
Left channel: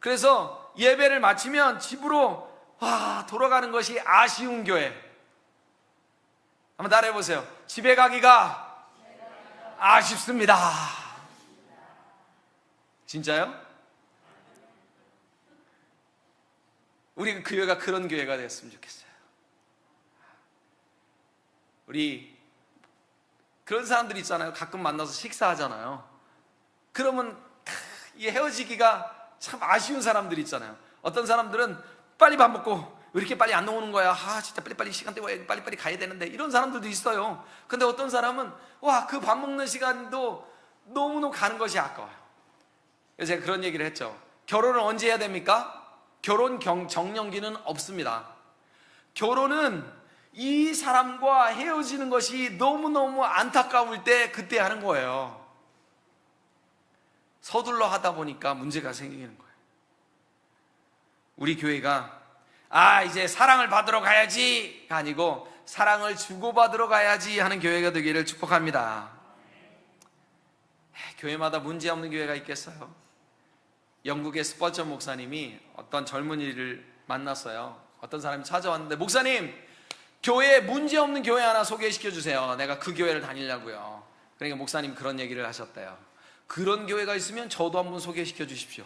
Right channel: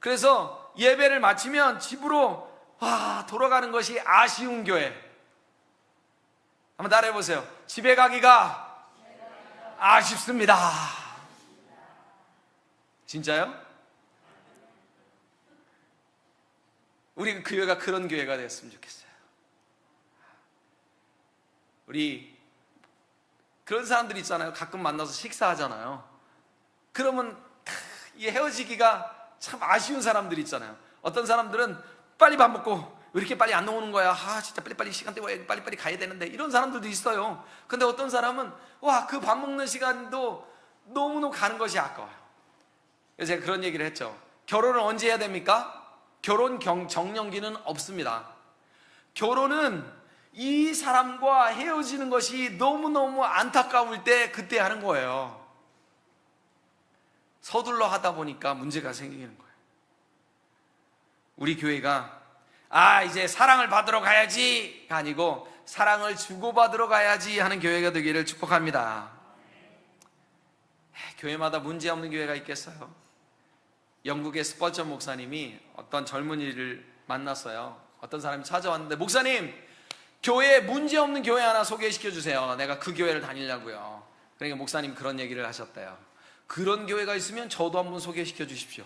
그래서 예배를 마치면 집으로 돌아가는 것이 아쉬운 교회. 한번 따라해 보세요. 집에 가기가 아쉽습니다. 진짜요? 우리 교회가 그런 교회가 되었으면 좋겠어요. 우리 그런 사람들 있잖아요. 가끔 만나서 식사하잖아요. 그러면 이 헤어지기가 참 아쉬운 사람들 있잖아요. 어떤 사람들은 빨리 밥 먹고 왜 이렇게 빨리 안 나오는 거야? 진짜 빨리빨리 시간 때문에 빨리빨리 가야 되는데, 이런 사람들도 있어요. 근데 어떤 사람은 그 밥 먹는 시간도 너무너무 가는 것이 아까워요. 그래서 제가 그런 얘기를 했죠. 결혼을 언제 해야 됩니까? 결혼 정년기는 없습니다. 결혼은 이 사람과 헤어지는 것이 너무너무 안타까울 때 그때 하는 거예요. 서둘러 하다 보니까 문제가 생기는 거예요. 우리 교회가 이제 사랑을 받으러 가야지가 아니고 사랑을 주고받으러 가야지 하는 교회가 되기를 축복합니다. 교회마다 문제 없는 교회가 있겠어요? 영국의 스펄전 목사님이 어떤 젊은이를 만났어요. 어떤 사람이 찾아왔는데, 목사님, 교회에 문제 없는 교회 하나 소개시켜 주세요. 내가 그 교회를 다니려고요. 그러니까 목사님 그런 얘기를 하셨대요. 그런 교회가 있으면 저도 한번 소개시켜 주십시오.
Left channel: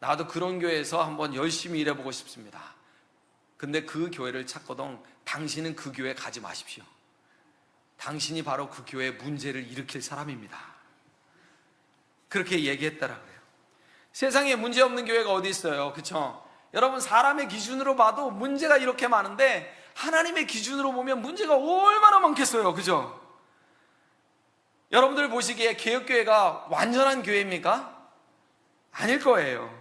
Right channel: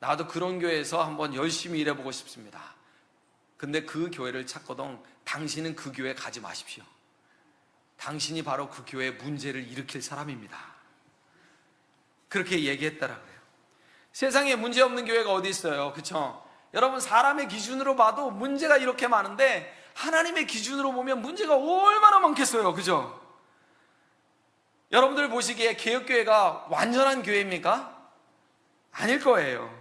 나도 그런 교회에서 한번 열심히 일해보고 싶습니다. 근데 그 교회를 찾거든 당신은 그 교회 가지 마십시오. 당신이 바로 그 교회에 문제를 일으킬 사람입니다. 그렇게 얘기했더라고요. 세상에 문제 없는 교회가 어디 있어요? 그렇죠? 여러분, 사람의 기준으로 봐도 문제가 이렇게 많은데 하나님의 기준으로 보면 문제가 얼마나 많겠어요. 그죠? 여러분들 보시기에 개혁교회가 완전한 교회입니까? 아닐 거예요.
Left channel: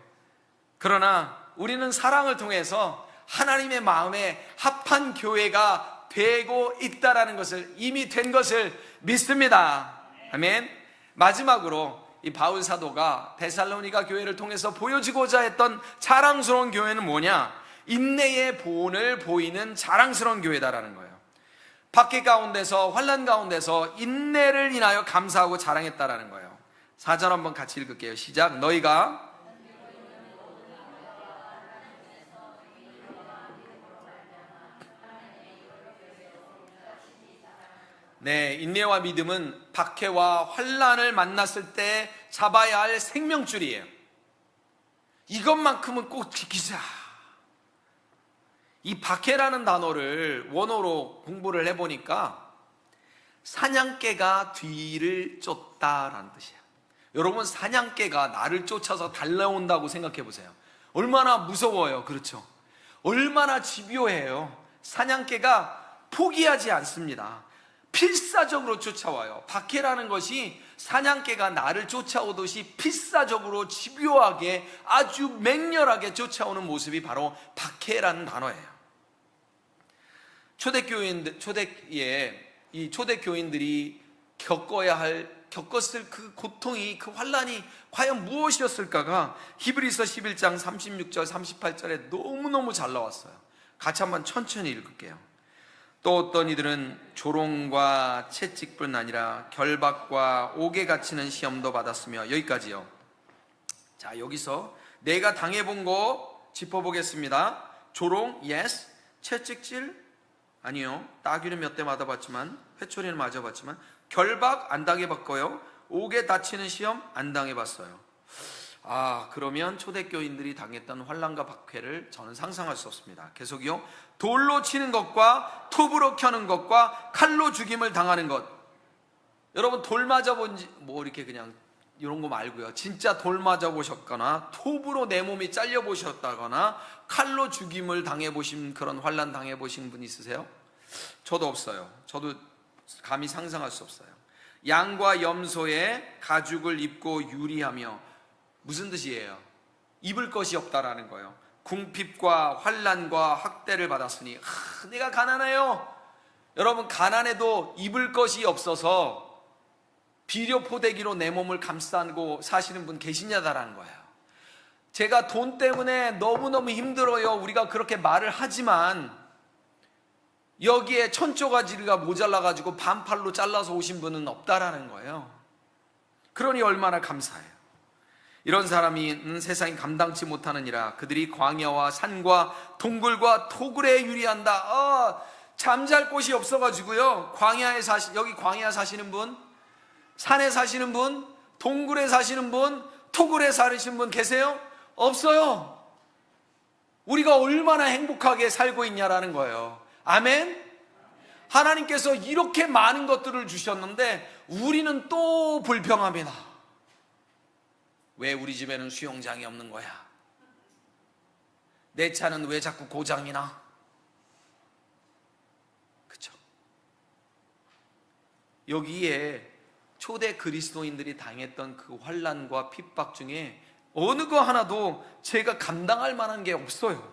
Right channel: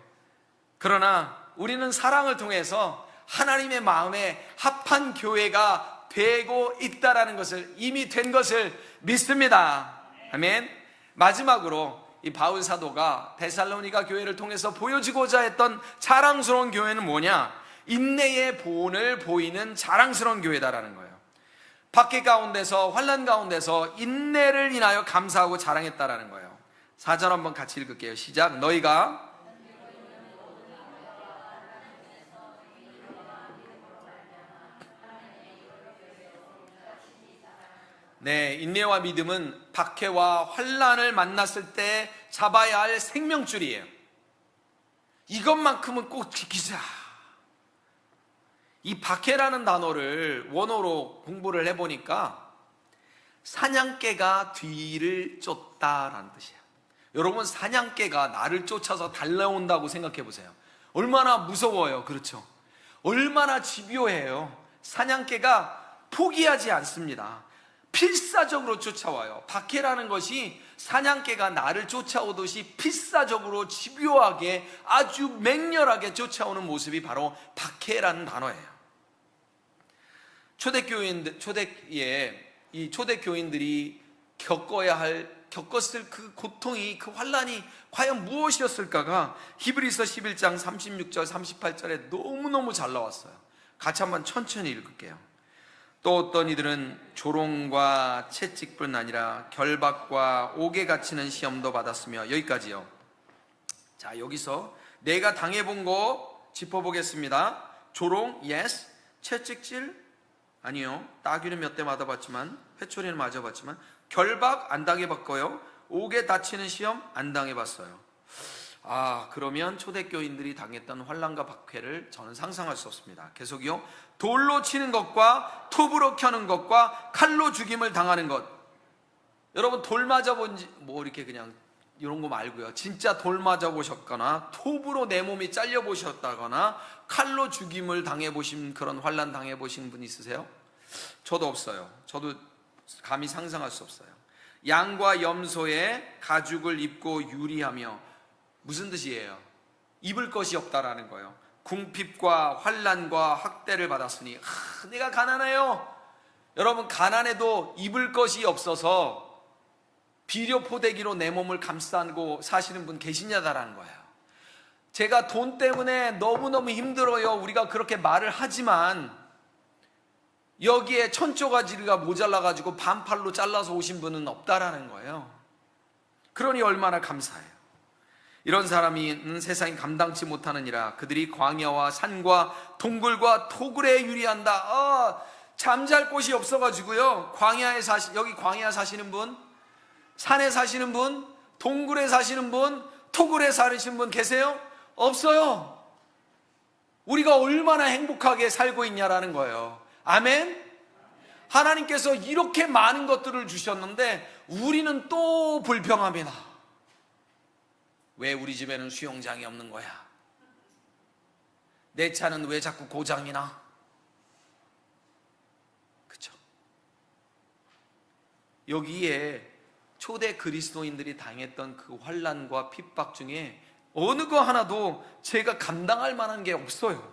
그러나 우리는 사랑을 통해서 하나님의 마음에 합한 교회가 되고 있다라는 것을, 이미 된 것을 믿습니다. 아멘. 마지막으로 이 바울 사도가 데살로니가 교회를 통해서 보여주고자 했던 자랑스러운 교회는 뭐냐? 인내의 본을 보이는 자랑스러운 교회다라는 거예요. 박해 가운데서, 환난 가운데서 인내를 인하여 감사하고 자랑했다라는 거예요. 4절 한번 같이 읽을게요. 시작. 너희가 인내와 믿음은 박해와 환난을 만났을 때 잡아야 할 생명줄이에요. 이것만큼은 꼭 지키자. 이 박해라는 단어를 원어로 공부를 해보니까 사냥개가 뒤를 쫓다라는 뜻이에요. 여러분, 사냥개가 나를 쫓아서 달려온다고 생각해 보세요. 얼마나 무서워요. 그렇죠? 얼마나 집요해요. 사냥개가 포기하지 않습니다. 필사적으로 쫓아와요. 박해라는 것이 사냥개가 나를 쫓아오듯이 필사적으로 집요하게, 아주 맹렬하게 쫓아오는 모습이 바로 박해라는 단어예요. 초대교인들이 겪었을 그 고통이, 그 환난이 과연 무엇이었을까가 히브리서 11장 36절 38절에 너무너무 잘 나왔어요. 같이 한번 천천히 읽을게요. 또 어떤 이들은 조롱과 채찍뿐 아니라 결박과 옥에 갇히는 시험도 받았으며, 여기까지요. 자, 여기서 내가 당해본 거 짚어보겠습니다. 조롱, yes. 채찍질, 아니요. 따귀는 몇 대 맞아봤지만, 회초리는 맞아봤지만, 결박 안 당해봤고요. 옥에 닫히는 시험 안 당해봤어요. 그러면 초대교인들이 당했던 환난과 박해를 저는 상상할 수 없습니다. 계속이요. 돌로 치는 것과 톱으로 켜는 것과 칼로 죽임을 당하는 것. 여러분, 돌 맞아본지 이렇게 그냥 이런 거 말고요. 진짜 돌 맞아보셨거나 톱으로 내 몸이 잘려보셨다거나 칼로 죽임을 당해보신, 그런 환난 당해보신 분 있으세요? 저도 없어요. 저도 감히 상상할 수 없어요. 양과 염소의 가죽을 입고 유리하며, 무슨 뜻이에요? 입을 것이 없다라는 거예요. 궁핍과 환난과 학대를 받았으니 내가 가난해요. 여러분, 가난해도 입을 것이 없어서 비료포대기로 내 몸을 감싸고 사시는 분 계시냐다라는 거예요. 제가 돈 때문에 너무너무 힘들어요, 우리가 그렇게 말을 하지만 여기에 천조가지가 모자라가지고 반팔로 잘라서 오신 분은 없다라는 거예요. 그러니 얼마나 감사해요. 이런 사람이 세상이 감당치 못하느니라. 그들이 광야와 산과 동굴과 토굴에 유리한다. 잠잘 곳이 없어가지고요. 여기 광야 사시는 분, 산에 사시는 분, 동굴에 사시는 분, 토굴에 사시는 분 계세요? 없어요. 우리가 얼마나 행복하게 살고 있냐라는 거예요. 아멘? 하나님께서 이렇게 많은 것들을 주셨는데 우리는 또 불평합니다. 왜 우리 집에는 수영장이 없는 거야? 내 차는 왜 자꾸 고장이 나? 그렇죠? 여기에 초대 그리스도인들이 당했던 그 환난과 핍박 중에 어느 거 하나도 제가 감당할 만한 게 없어요.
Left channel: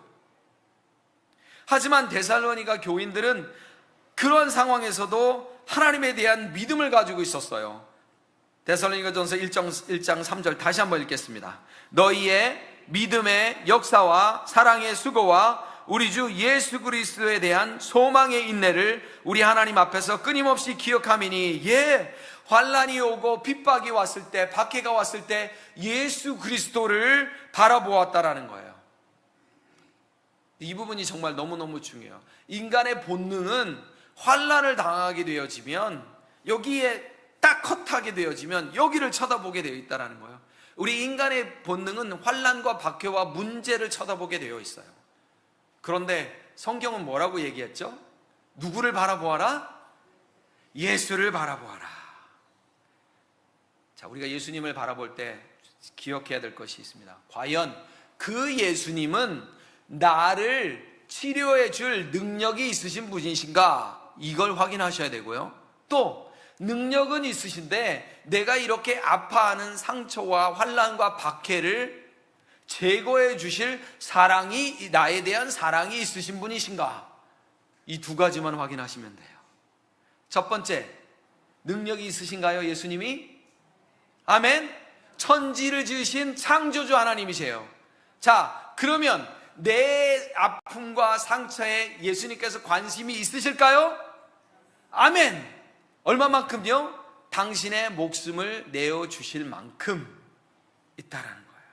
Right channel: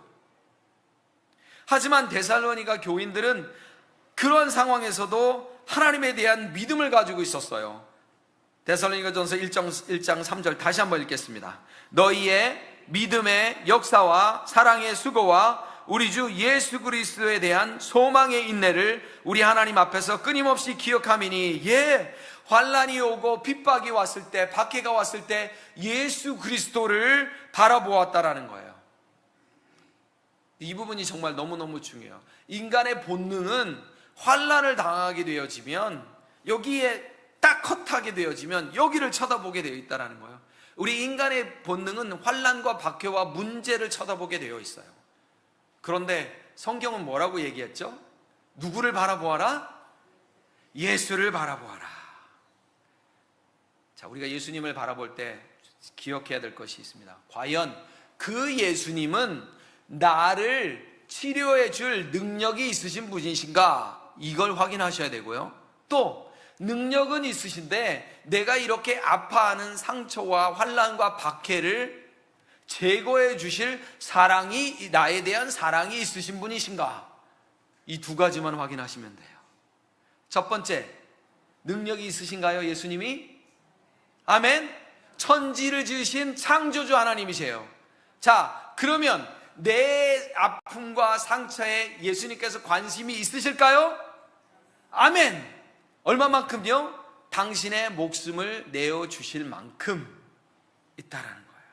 하지만 데살로니가 교인들은 그런 상황에서도 하나님에 대한 믿음을 가지고 있었어요. 데살로니가전서 1장 3절 다시 한번 읽겠습니다. 너희의 믿음의 역사와 사랑의 수고와 우리 주 예수 그리스도에 대한 소망의 인내를 우리 하나님 앞에서 끊임없이 기억하미니, 환난이 오고 핍박이 왔을 때, 박해가 왔을 때 예수 그리스도를 바라보았다라는 거예요. 이 부분이 정말 너무너무 중요해요. 인간의 본능은 환난을 당하게 되어지면, 여기에 딱 컷하게 되어지면 여기를 쳐다보게 되어 있다는 거예요. 우리 인간의 본능은 환난과 박해와 문제를 쳐다보게 되어 있어요. 그런데 성경은 뭐라고 얘기했죠? 누구를 바라보아라? 예수를 바라보아라. 자, 우리가 예수님을 바라볼 때 기억해야 될 것이 있습니다. 과연 그 예수님은 나를 치료해 줄 능력이 있으신 분이신가? 이걸 확인하셔야 되고요. 또 능력은 있으신데 내가 이렇게 아파하는 상처와 환난과 박해를 제거해 주실 사랑이, 나에 대한 사랑이 있으신 분이신가? 이 두 가지만 확인하시면 돼요. 첫 번째, 능력이 있으신가요? 예수님이? 아멘. 천지를 지으신 창조주 하나님이세요. 자, 그러면 내 아픔과 상처에 예수님께서 관심이 있으실까요? 아멘. 얼마만큼요? 당신의 목숨을 내어주실 만큼 있다라는 거예요.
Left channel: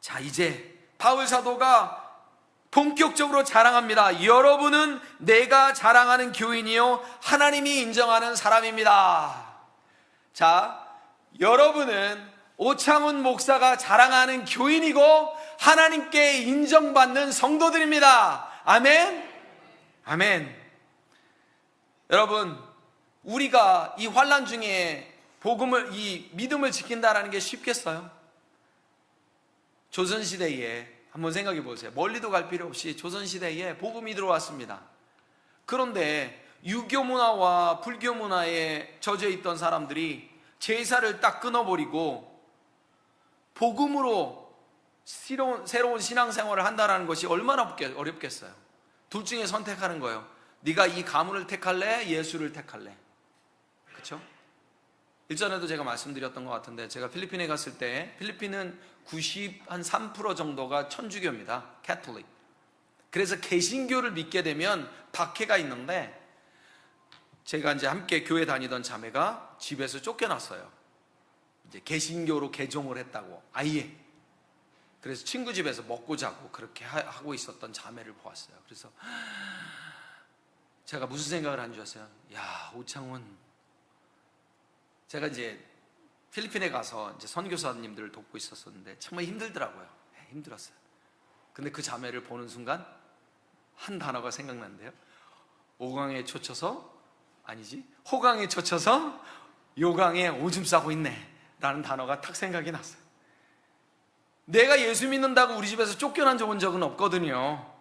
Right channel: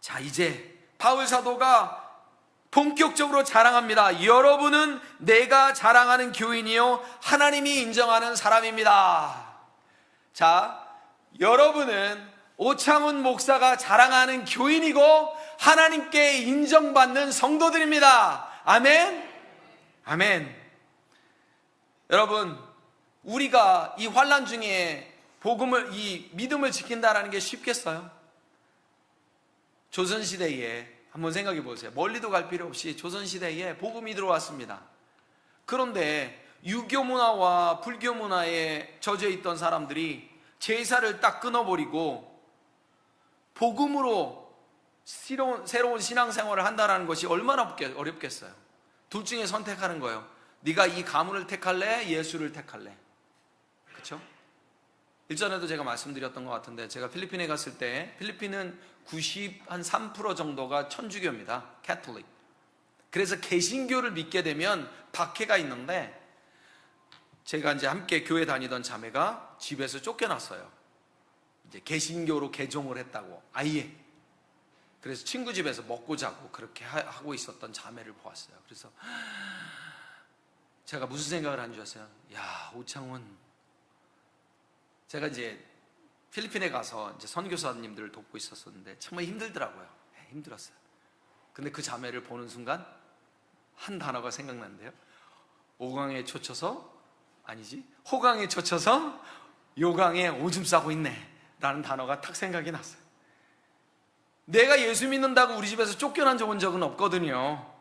자, 이제 바울 사도가 본격적으로 자랑합니다. 여러분은 내가 자랑하는 교인이요 하나님이 인정하는 사람입니다. 자, 여러분은 오창훈 목사가 자랑하는 교인이고 하나님께 인정받는 성도들입니다. 아멘? 아멘. 여러분, 우리가 이 환난 중에 이 믿음을 지킨다라는 게 쉽겠어요? 조선시대에 한번 생각해 보세요. 멀리도 갈 필요 없이 조선시대에 복음이 들어왔습니다. 그런데 유교 문화와 불교 문화에 젖어 있던 사람들이 제사를 딱 끊어버리고 복음으로 새로운 신앙생활을 한다는 것이 얼마나 어렵겠어요. 둘 중에 선택하는 거예요. 네가 이 가문을 택할래? 예수를 택할래? 그렇죠? 일전에도 제가 말씀드렸던 것 같은데, 제가 필리핀에 갔을 때 필리핀은 93% 정도가 천주교입니다. 캐톨릭. 그래서 개신교를 믿게 되면 박해가 있는데, 제가 이제 함께 교회 다니던 자매가 집에서 쫓겨났어요. 이제 개신교로 개종을 했다고, 아예. 그래서 친구 집에서 먹고 자고 그렇게 하고 있었던 자매를 보았어요. 그래서 제가 무슨 생각을 한 줄 아세요? 야, 오창훈. 제가 이제 필리핀에 가서 이제 선교사님들을 돕고 있었는데 정말 힘들더라고요. 힘들었어요. 근데 그 자매를 보는 순간 한 단어가 생각나는데요. 호강에 쫓아서 요강에 오줌 싸고 있네 라는 단어가 탁 생각이 났어요. 내가 예수 믿는다고 우리 집에서 쫓겨난 적은 없거든요.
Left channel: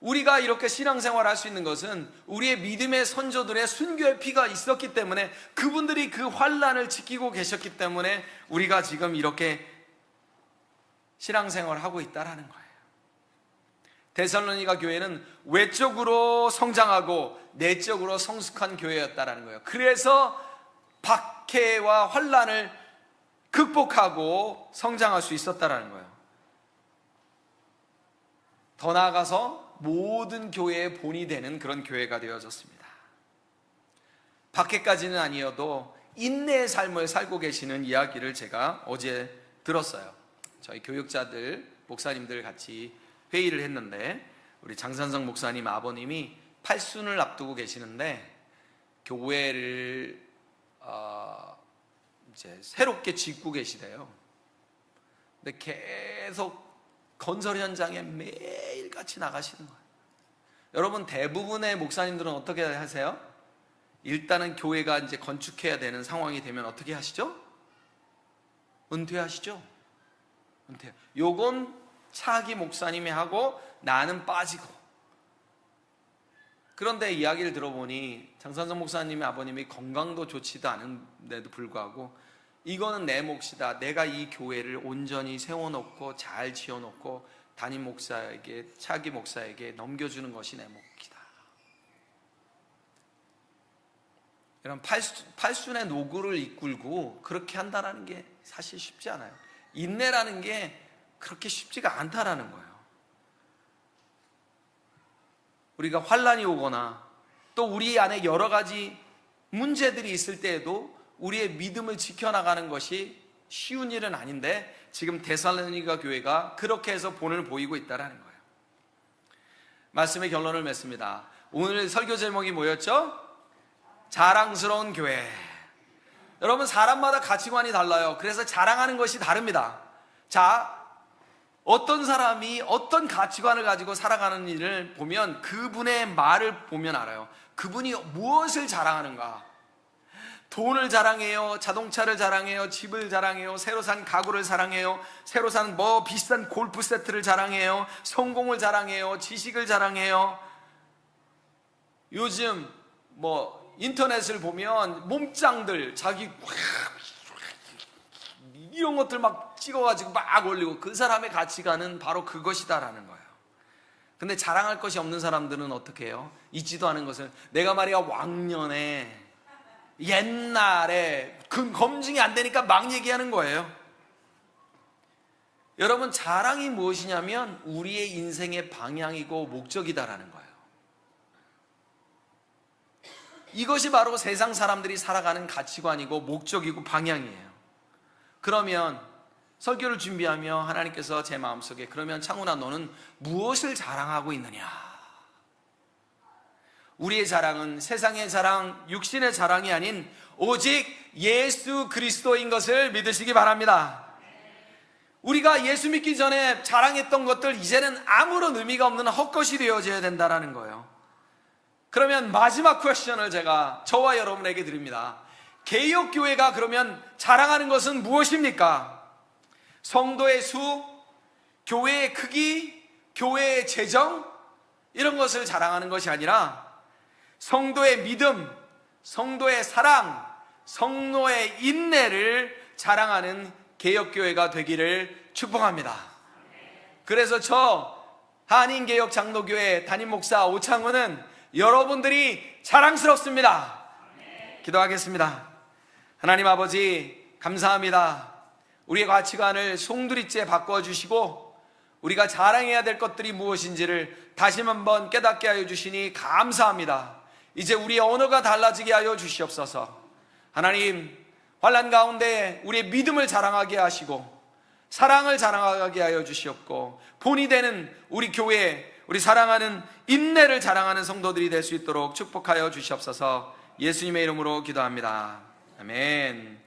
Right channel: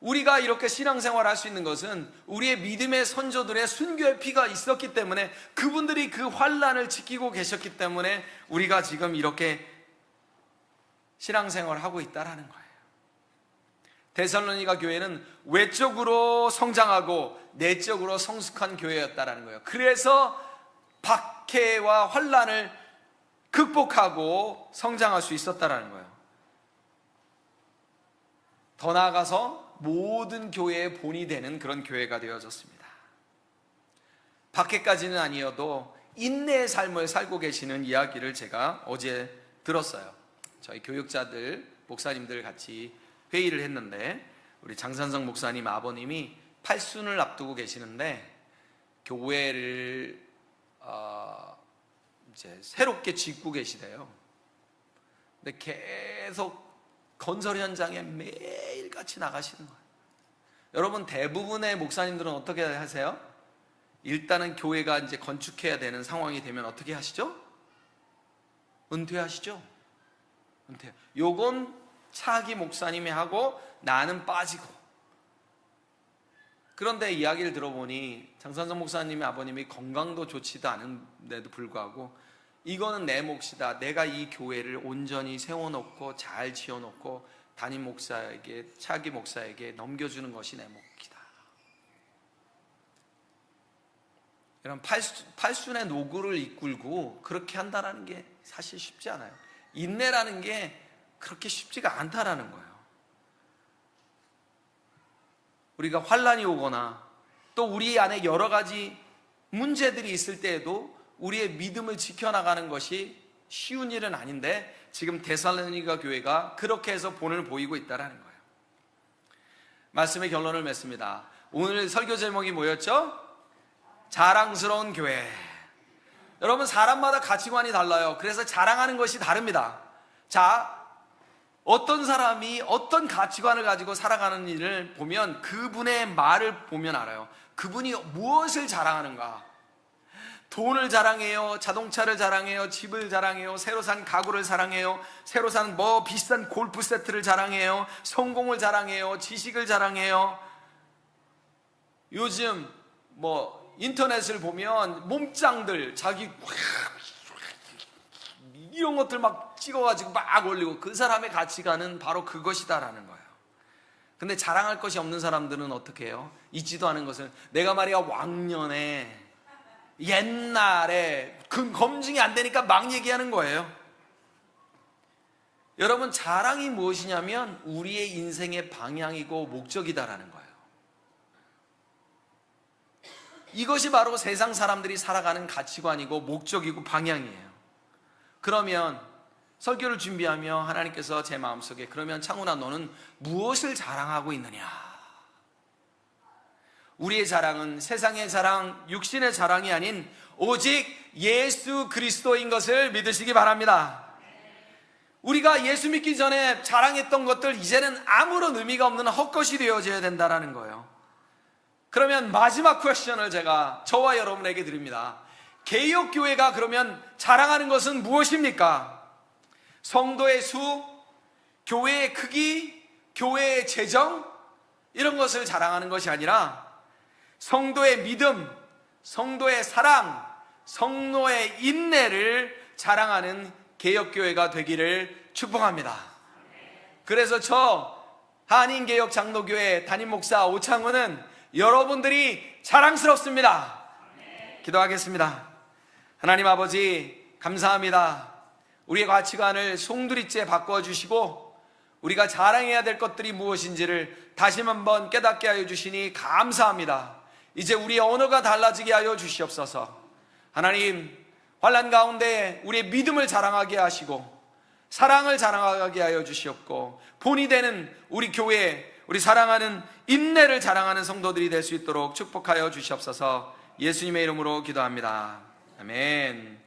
우리가 이렇게 신앙생활을 할 수 있는 것은 우리의 믿음의 선조들의 순교의 피가 있었기 때문에, 그분들이 그 환난을 지키고 계셨기 때문에 우리가 지금 이렇게 신앙생활을 하고 있다는 거예요. 데살로니가 교회는 외적으로 성장하고 내적으로 성숙한 교회였다는 거예요. 그래서 박해와 환난을 극복하고 성장할 수 있었다는 거예요. 더 나아가서 모든 교회의 본이 되는 그런 교회가 되어졌습니다. 밖에까지는 아니어도 인내의 삶을 살고 계시는 이야기를 제가 어제 들었어요. 저희 교육자들, 목사님들 같이 회의를 했는데 우리 장산성 목사님 아버님이 팔순을 앞두고 계시는데 교회를 이제 새롭게 짓고 계시대요. 근데 계속 건설 현장에 매일같이 나가시는 거예요. 여러분, 대부분의 목사님들은 어떻게 하세요? 일단은 교회가 이제 건축해야 되는 상황이 되면 어떻게 하시죠? 은퇴하시죠? 은퇴. 요건 차기 목사님이 하고 나는 빠지고. 그런데 이야기를 들어보니 장산성 목사님의 아버님이 건강도 좋지도 않은데도 불구하고 이거는 내 몫이다. 내가 이 교회를 온전히 세워놓고 잘 지어놓고 담임 목사에게, 차기 목사에게 넘겨주는 것이 내 몫이다. 이런 팔순의 노고를 이끌고 그렇게 한다는 게 사실 쉽지 않아요. 인내라는 게 그렇게 쉽지가 않다라는 거예요. 우리가 환난이 오거나 또 우리 안에 여러 가지 문제들이 있을 때에도 우리의 믿음을 지켜나가는 것이 쉬운 일은 아닌데 지금 데살로니가 교회가 그렇게 해서 본을 보이고 있다는 거예요. 말씀의 결론을 맺습니다. 오늘 설교 제목이 뭐였죠? 자랑스러운 교회. 여러분, 사람마다 가치관이 달라요. 그래서 자랑하는 것이 다릅니다. 자, 어떤 사람이 어떤 가치관을 가지고 살아가는 일을 보면 그분의 말을 보면 알아요. 그분이 무엇을 자랑하는가. 돈을 자랑해요. 자동차를 자랑해요. 집을 자랑해요. 새로 산 가구를 자랑해요. 새로 산 비싼 골프 세트를 자랑해요. 성공을 자랑해요. 지식을 자랑해요. 요즘 인터넷을 보면 몸짱들 자기 이런 것들 막 찍어가지고 막 올리고 그 사람의 가치관은 바로 그것이다라는 거예요. 근데 자랑할 것이 없는 사람들은 어떻게 해요? 있지도 않은 것을 내가 말이야 왕년에 옛날에 검증이 안 되니까 막 얘기하는 거예요. 여러분, 자랑이 무엇이냐면 우리의 인생의 방향이고 목적이다라는 거예요. 이것이 바로 세상 사람들이 살아가는 가치관이고 목적이고 방향이에요. 그러면 설교를 준비하며 하나님께서 제 마음속에 그러면 창훈아 너는 무엇을 자랑하고 있느냐? 우리의 자랑은 세상의 자랑, 육신의 자랑이 아닌 오직 예수 그리스도인 것을 믿으시기 바랍니다. 우리가 예수 믿기 전에 자랑했던 것들 이제는 아무런 의미가 없는 헛것이 되어져야 된다는 거예요. 그러면 마지막 퀘스천을 제가 저와 여러분에게 드립니다. 개혁교회가 그러면 자랑하는 것은 무엇입니까? 성도의 수, 교회의 크기, 교회의 재정 이런 것을 자랑하는 것이 아니라 성도의 믿음, 성도의 사랑, 성도의 인내를 자랑하는 개혁교회가 되기를 축복합니다. 그래서 저 한인개혁 장로교회 담임목사 오창훈은 여러분들이 자랑스럽습니다. 기도하겠습니다. 하나님 아버지 감사합니다. 우리의 가치관을 송두리째 바꿔주시고 우리가 자랑해야 될 것들이 무엇인지를 다시 한번 깨닫게 하여 주시니 감사합니다. 이제 우리의 언어가 달라지게 하여 주시옵소서. 하나님, 환난 가운데 우리의 믿음을 자랑하게 하시고 사랑을 자랑하게 하여 주시옵고 본이 되는 우리 교회, 우리 사랑하는 인내를 자랑하는 성도들이 될 수 있도록 축복하여 주시옵소서. 예수님의 이름으로 기도합니다. 아멘.